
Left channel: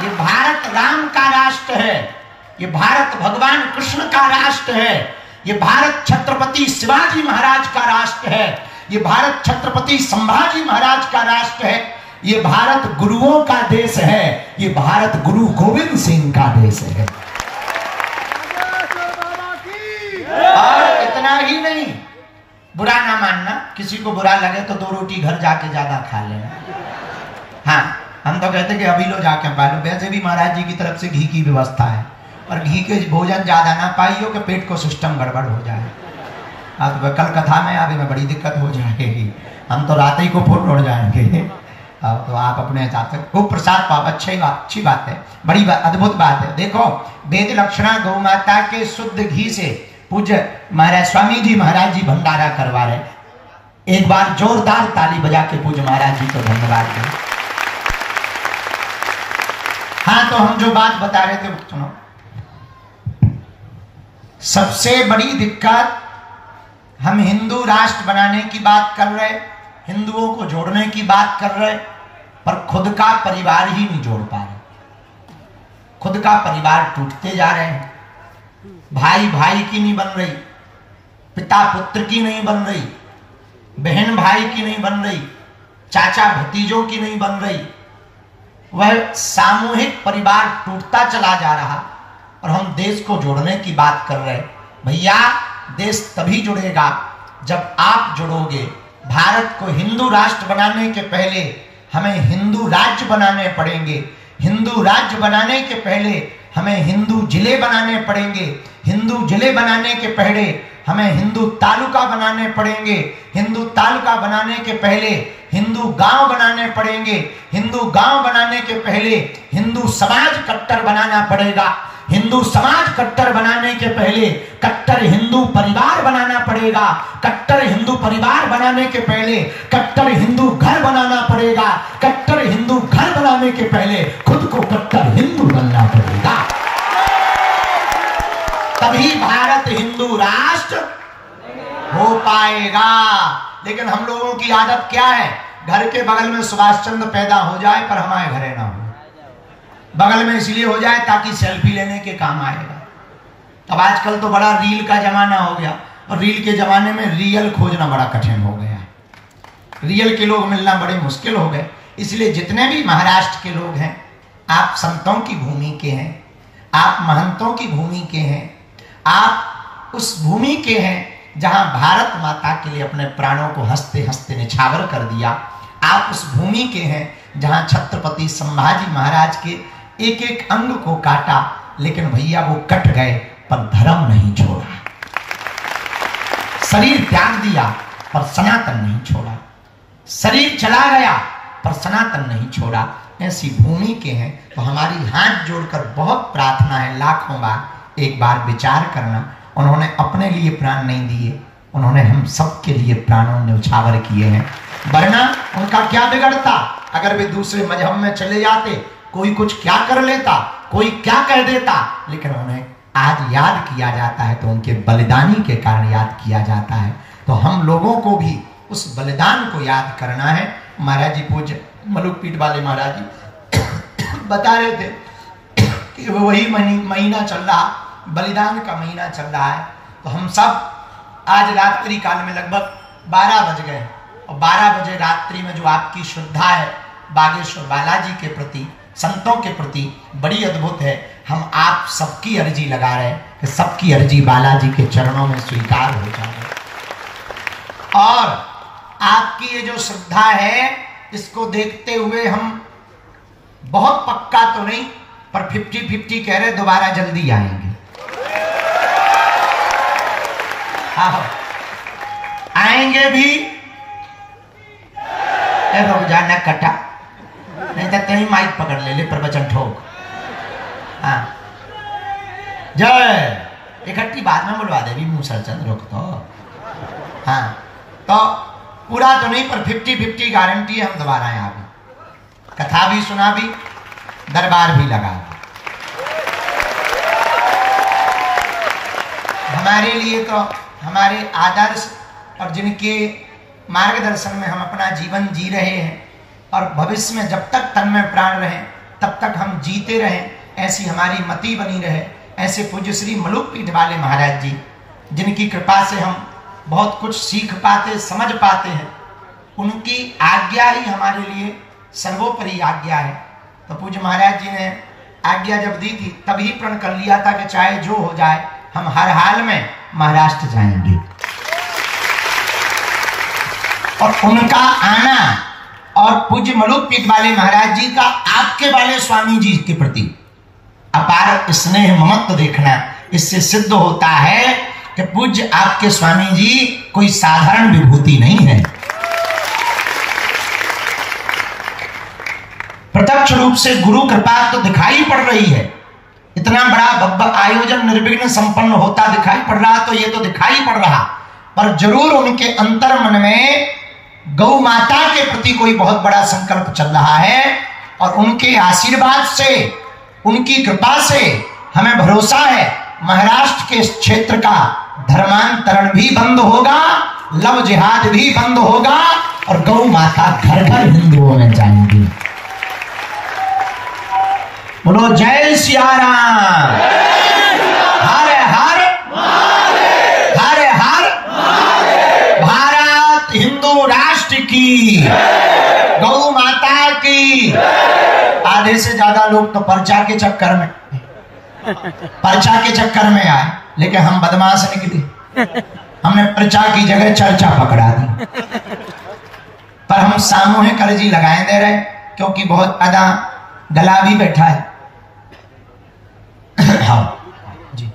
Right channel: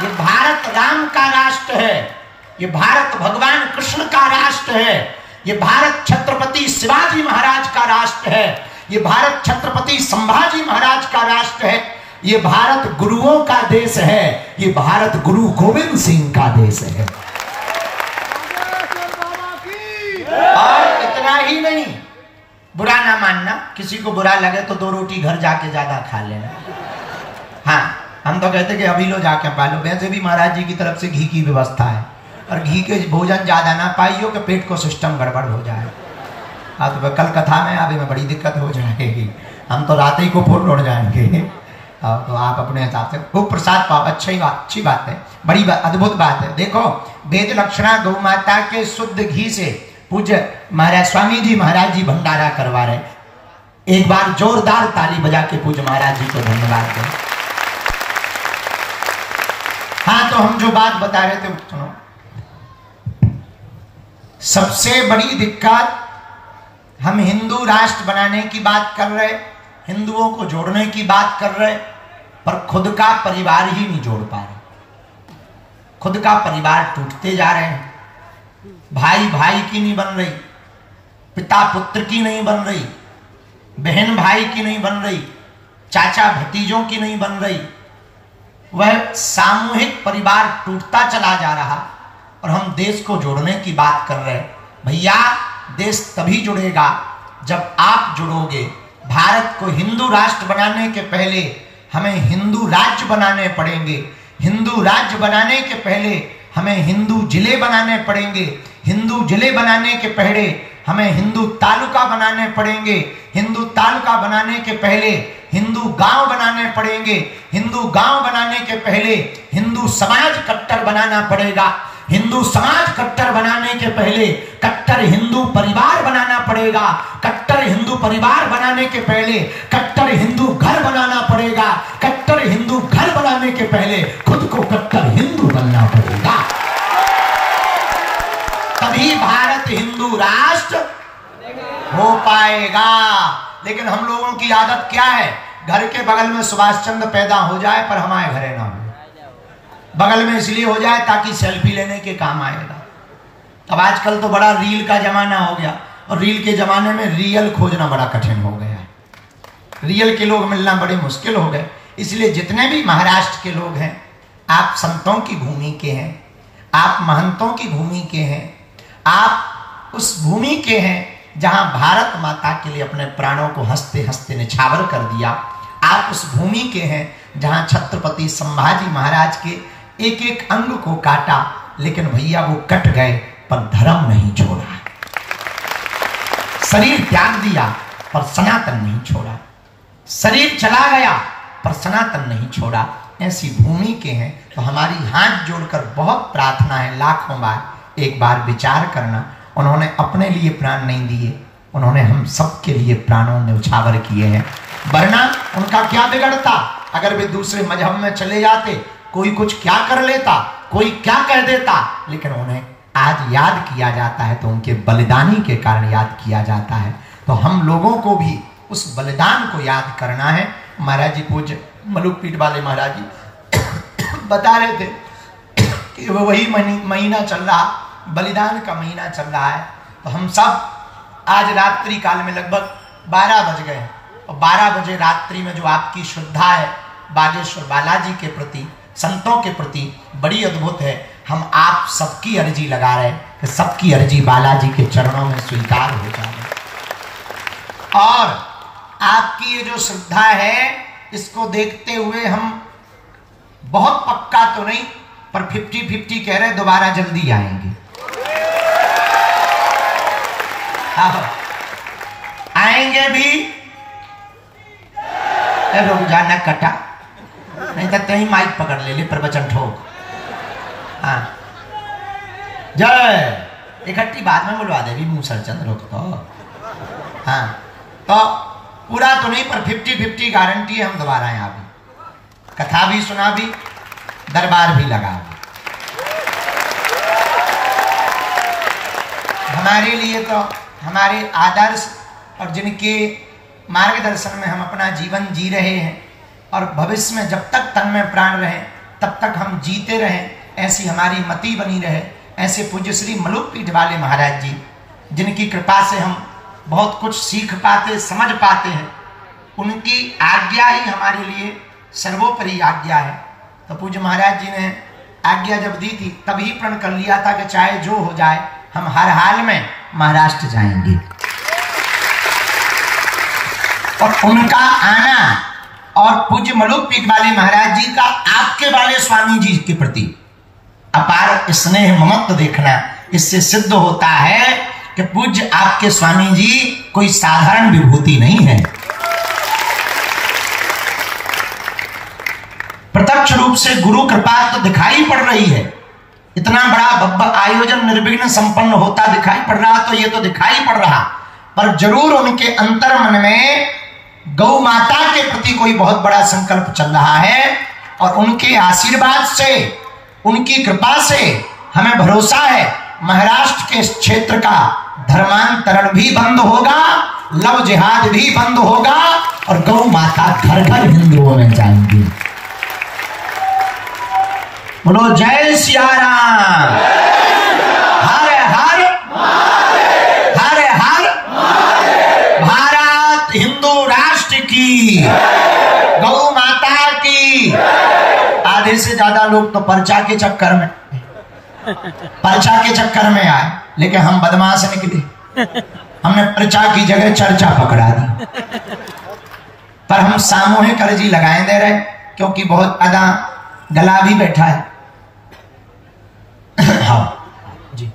ये भारत राम का राष्ट्र है, ये भारत भगवान कृष्ण का राष्ट्र है, ये भारत छत्रपति शिवाजी महाराज का राष्ट्र है, ये भारत छत्रपति संभाजी महाराज का राष्ट्र है, ये भारत गुरुओं का देश है, ये भारत गुरु गोविंद सिंह का देश है। और इतना ही नहीं, बुरा ना मानना, किसी को बुरा लगे तो 2 रोटी घर जाके ज्यादा खा लेना। हाँ, हम तो कहते कि अभी लो जाके पालो, वैसे भी महाराज जी की तरफ से घी की व्यवस्था है, और घी के भोजन ज्यादा ना पाइयो कि पेट को सिस्टम गड़बड़ हो जाए। अब कल कथा में आगे में बड़ी दिक्कत हो जाएगी, हम तो रात ही को फुल उड़ जाएंगे। तो आप अपने हिसाब से खूब प्रसाद पाओ, अच्छी बात है, बड़ी अद्भुत बात है। देखो, वेद लक्षणा गौ माता के शुद्ध घी से पूज्य महाराज स्वामी जी महाराज जी भंडारा करवा रहे। एक बार जोरदार ताली बजा के पूज्य महाराज जी को धन्यवाद दें। हाँ, तो हम जो बात बता रहे थे सुनो। सबसे बड़ी दिक्कत, हम हिंदू राष्ट्र बनाने की बात कर रहे, हिंदुओं को जोड़ने की बात कर रहे, पर खुद का परिवार ही नहीं जोड़ पा रहे। खुद का परिवार टूटते जा रहे हैं, भाई भाई की नहीं बन रही, पिता पुत्र की नहीं बन रही, बहन भाई की नहीं बन रही, चाचा भतीजों की नहीं बन रही। वह सामूहिक परिवार टूटता चला जा रहा, और हम देश को जोड़ने की बात कर रहे। भैया, देश तभी जुड़ेगा जब आप जुड़ोगे। भारत को हिंदू राष्ट्र बनाने के पहले हमें हिंदू राज्य बनाने पड़ेंगे, हिंदू राज्य बनाने के पहले हमें हिंदू जिले बनाने पड़ेंगे, हिंदू जिले बनाने के पहले हमें हिंदू तालुका बनाने पड़ेंगे, हिंदू तालुका बनाने के पहले हिंदू गांव बनाने पड़ेंगे, हिंदू गांव बनाने के पहले हिंदू समाज कट्टर बनाना पड़ेगा, हिंदू समाज कट्टर बनाने के पहले कट्टर हिंदू परिवार बनाना पड़ेगा, कट्टर हिंदू परिवार बनाने के पहले कट्टर हिंदू घर बनाना पड़ेगा, कट्टर हिंदू घर बनाने के पहले खुद को कट्टर हिंदू बनना पड़ेगा। तभी भारत हिंदू राष्ट्र हो पाएगा। लेकिन हम लोगों की आदत क्या है, घर के बगल में सुभाष चंद्र पैदा हो जाए पर हमारे घरे ना हो। बगल में इसलिए हो जाए ताकि सेल्फी लेने के काम आएगा। अब आजकल तो बड़ा रील का जमाना हो गया, और रील के जमाने में रियल खोजना बड़ा कठिन हो गया। रियल के लोग मिलना बड़े मुश्किल हो गए। इसलिए जितने भी महाराष्ट्र के लोग हैं, आप संतों की भूमि के हैं, आप महंतों की भूमि के हैं, आप उस भूमि के हैं जहां भारत माता के लिए अपने प्राणों को हंसते हंसते निछावर कर दिया। आप उस भूमि के हैं जहां छत्रपति संभाजी महाराज के एक एक अंग को काटा, लेकिन भैया वो कट गए पर धर्म नहीं छोड़ा। शरीर त्याग दिया पर सनातन नहीं छोड़ा, शरीर चला गया पर सनातन नहीं छोड़ा। ऐसी भूमि के हैं। तो हमारी हाथ जोड़कर बहुत प्रार्थना है, लाखों बार एक बार विचार करना। उन्होंने अपने लिए प्राण नहीं दिए, उन्होंने हम सबके लिए प्राणों न्यौछावर किए हैं। वरना उनका क्या बिगड़ता, अगर वे दूसरे मजहब में चले जाते, कोई कुछ क्या कर लेता, कोई क्या कह देता, लेकिन उन्हें आज याद किया जाता है तो उनके बलिदानी के कारण याद किया जाता है। तो हम लोगों को भी उस बलिदान को याद करना है। महाराज जी, पूज्य मलुकपीठ वाले महाराज जी बता रहे थे कि वही महीना चल रहा, बलिदान का महीना चल रहा है। तो हम सब आज रात्रि काल में लगभग 12 बज गए, और 12 बजे रात्रि में जो आपकी श्रद्धा है बागेश्वर बालाजी के प्रति, संतों के प्रति बड़ी अद्भुत है। हम आप सबकी अर्जी लगा रहे हैं कि सबकी अर्जी बालाजी के चरणों में स्वीकार हो जाए। और आपकी ये जो श्रद्धा है, इसको देखते हुए हम बहुत पक्का तो नहीं पर 50-50 कह रहे, दोबारा जल्दी आएंगे। आएंगे भी, रुक जाना कटा, नहीं तो कहीं माइक पकड़ ले प्रवचन ठोक। हाँ, जय इकट्ठी बाद में बुलवा देवी मूसर चंद, रुक तो। हाँ, तो पूरा तो नहीं पर 50-50 गारंटी है, हम दोबारा यहाँ भी कथा भी सुना भी, दरबार भी लगा भी। हमारे लिए तो हमारे आदर्श और जिनके मार्गदर्शन में हम अपना जीवन जी रहे हैं, और भविष्य में जब तक तन में प्राण रहे तब तक हम जीते रहें, ऐसी हमारी मति बनी रहे। ऐसे पूज्य श्री मलुकपीठ वाले महाराज जी, जिनकी कृपा से हम बहुत कुछ सीख पाते, समझ पाते हैं, उनकी आज्ञा ही हमारे लिए सर्वोपरि आज्ञा है। तो पूज्य महाराज जी ने आज्ञा जब दी थी तभी प्रण कर लिया था कि चाहे जो हो जाए हम हर हाल में महाराष्ट्र जाएंगे। और उनका आना और पूज्य मलुकपीठ वाले महाराज जी का आपके वाले स्वामी जी के प्रति अपार स्नेह ममत्व देखना, इससे सिद्ध होता है कि पूज्य आपके स्वामी जी कोई साधारण विभूति नहीं है। प्रत्यक्ष रूप से गुरु कृपा तो दिखाई पड़ रही है, इतना बड़ा भव्य आयोजन निर्विघ्न संपन्न होता दिखाई पड़ रहा, तो ये तो दिखाई पड़ रहा, पर जरूर उनके अंतर मन में गौ माता के प्रति कोई बहुत बड़ा संकल्प चल रहा है। और उनके आशीर्वाद से, उनकी कृपा से हमें भरोसा है महाराष्ट्र के इस क्षेत्र का धर्मांतरण भी बंद होगा, लव जिहाद भी बंद होगा और गौ माता घर घर हिंदुओं में जाएंगी। बोलो जय सिया राम। हर हर हर हर भारत हिंदू राष्ट्र की, गौ माता की। आधे से ज्यादा लोग तो पर्चा के चक्कर में आए, लेकिन हम बदमाश निकले, हमने पर्चा की जगह चर्चा पकड़ा दी। पर हम सामूहिक अर्जी लगाए दे रहे, क्योंकि बहुत ज्यादा गला भी बैठा है। हाँ जी,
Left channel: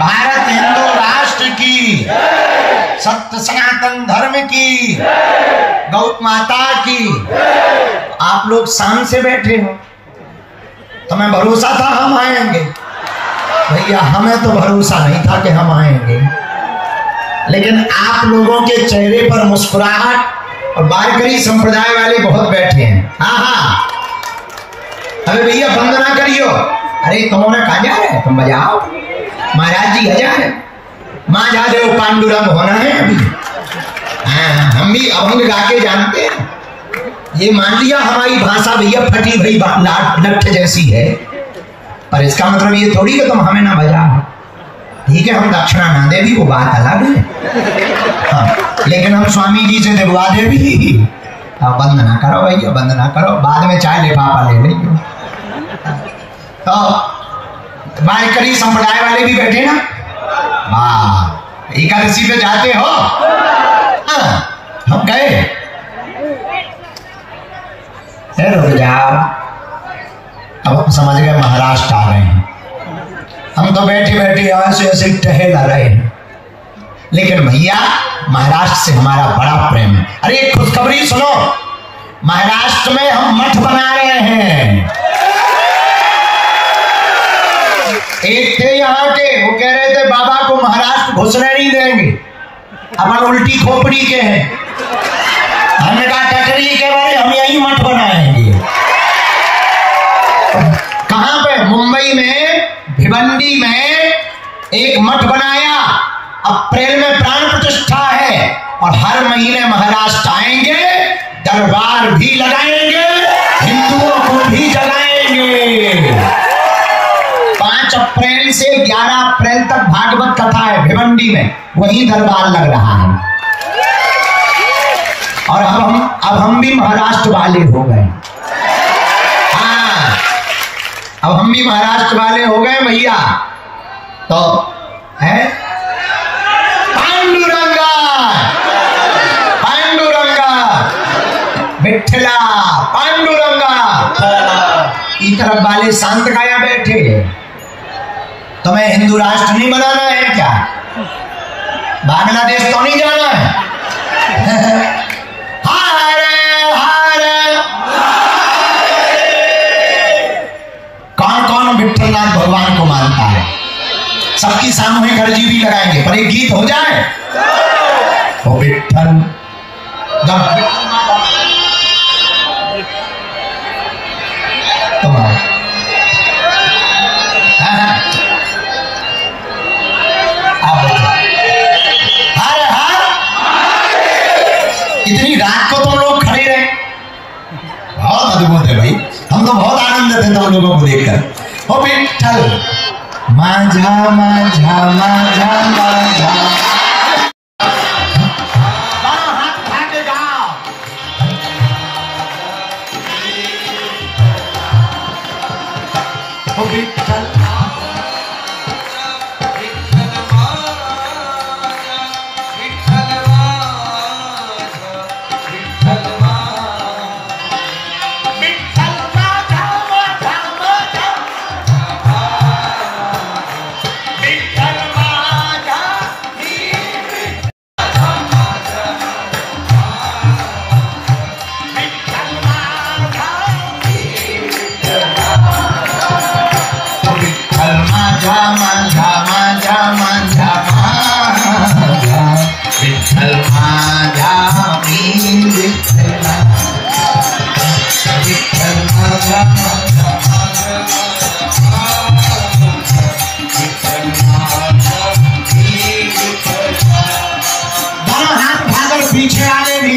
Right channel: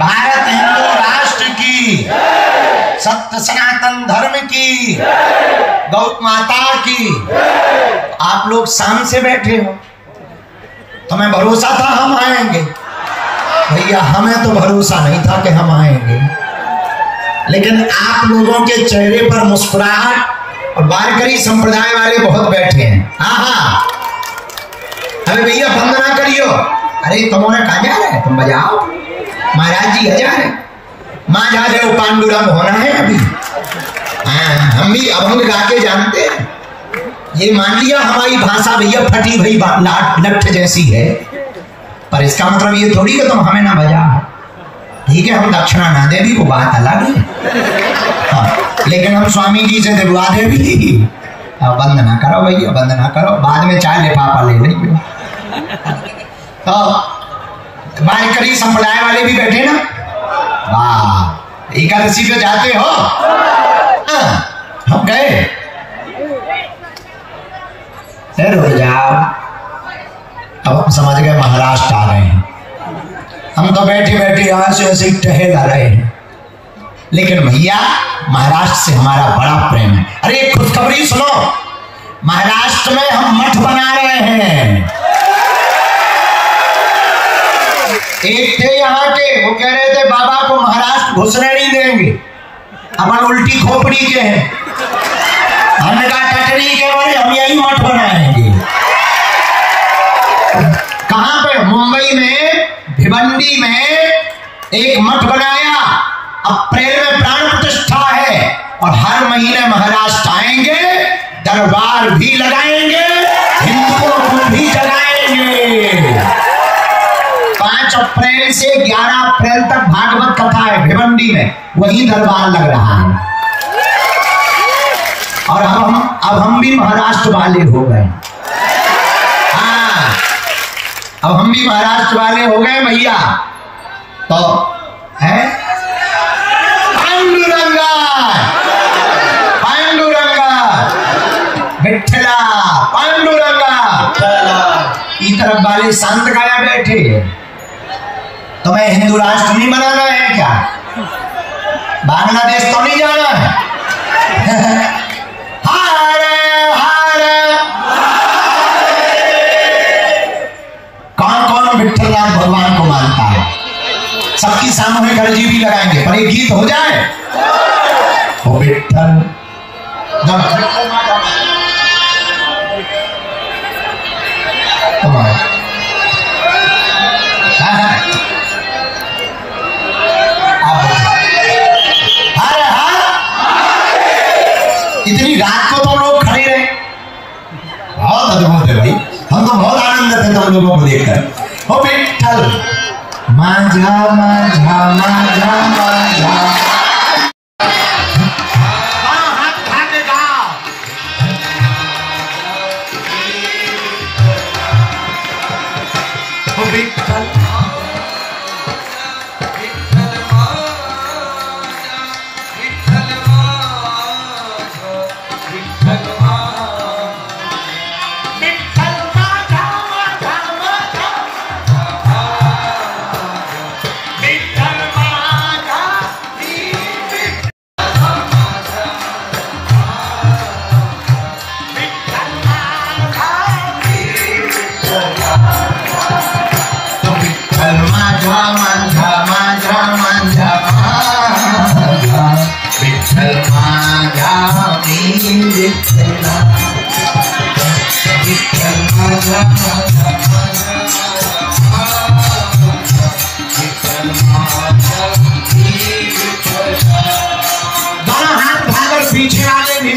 भारत हिंदू राष्ट्र की, सत्य सनातन धर्म की, गौ माता की। आप लोग शाम से बैठे हो, तुम्हें भरोसा था हम आएंगे? भैया हमें तो भरोसा नहीं था कि हम आएंगे, लेकिन आप लोगों के चेहरे पर मुस्कुराहट, और वारकरी संप्रदाय वाले बहुत बैठे हैं। हाँ, अरे भैया बंद ना करियो, अरे तुमने कहा जा रहे तुम बजाओ, महाराज जी हजार है, माँ जा रहे पांडुरंग होना है अभी। हम भी अभंग गा के जानते हैं, ये मान लिया हमारी भाषा भैया फटी भई लठ जैसी है, पर इसका मतलब ये थोड़ी कि तुम हमें ना बजा। ठीक है, हम दक्षिणा ना दे भी, वो बात अलग है। हाँ, लेकिन हम स्वामी जी से दिलवा दे भी। बंद ना करो भैया, बंद ना करो, बाद में चाय लिफाफा ले लेंगे। तो वारकरी संप्रदाय वाले भी बैठे ना, वाह, एकादशी पे जाते हो? हम गए, रुक जाओ, अब हम समझ गए महाराष्ट्र आ रहे हैं। हम तो बैठे बैठे यहाँ से ऐसे ही टहल आ रहे हैं, लेकिन भैया महाराष्ट्र से हमारा बड़ा प्रेम है। अरे एक खुशखबरी सुनो, महाराष्ट्र में हम मठ बना रहे हैं। एक थे यहाँ के, वो कह रहे थे बाबा को महाराष्ट्र घुसने नहीं देंगे, अपन उल्टी खोपड़ी के हैं। हमने कहा टटरी के बारे हम यही मठ बनाएंगे। कहां पे? मुंबई में भिवंडी में एक मठ बनाया, अप्रैल में प्राण प्रतिष्ठा है, और हर महीने महाराष्ट्र आएंगे, दरबार भी लगाएंगे, हिंदुओं को भी जगाएंगे। 5 अप्रैल से 11 अप्रैल तक भागवत कथा है भिवंडी में, वही दरबार लग रहा है। और अब हम भी महाराष्ट्र वाले हो गए। हाँ, अब हम भी महाराष्ट्र वाले हो गए भैया। तो है पांडुरंगा, पांडुरंगा, विठ्ठला, पांडुरंगा। इस तरफ वाले शांत काया बैठे, तुम्हें हिंदू राष्ट्र नहीं बनाना है क्या? बांग्लादेश तो नहीं जाना है? विठ्ठलनाथ भगवान को मानता है। सबकी सामूहिक अर्जी भी लगाएंगे, पर एक गीत हो जाए। ओ विठ्ठल, अब इतनी रात को तुम लोग खड़े रहे, बहुत अद्भुत है भाई। हम तो बहुत आनंद थे तुम लोगों को देखकर। ओ विठ्ठल माझा माझा माझा माझा, हाथ उठा के गाओ। ओ विठ्ठल दोनों हाथ उठाकर पीछे आने भी।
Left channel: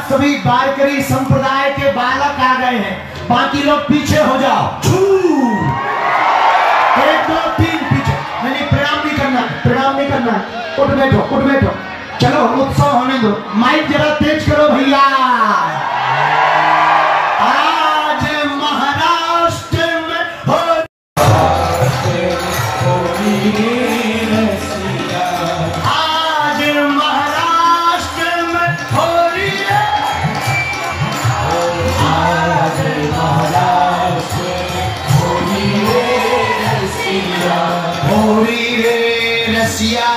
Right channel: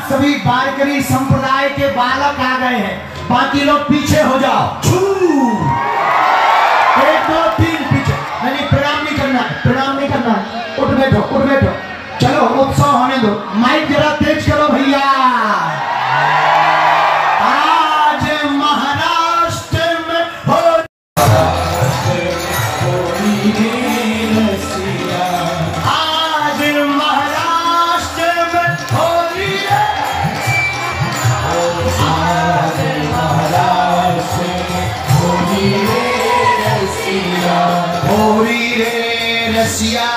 आज सभी वारकरी संप्रदाय के बालक आ गए हैं, बाकी लोग पीछे हो जाओ। 1 2 3 पीछे। नहीं, प्रणाम नहीं करना, प्रणाम नहीं करना। उठ बैठो, उठ बैठो। चलो उत्सव होने दो। माइक जरा तेज करो भैया। आज महाराष्ट्र में आज महाराष्ट्र में होली है। आज महाराष्ट्र में होली है रसिया, होली है रसिया।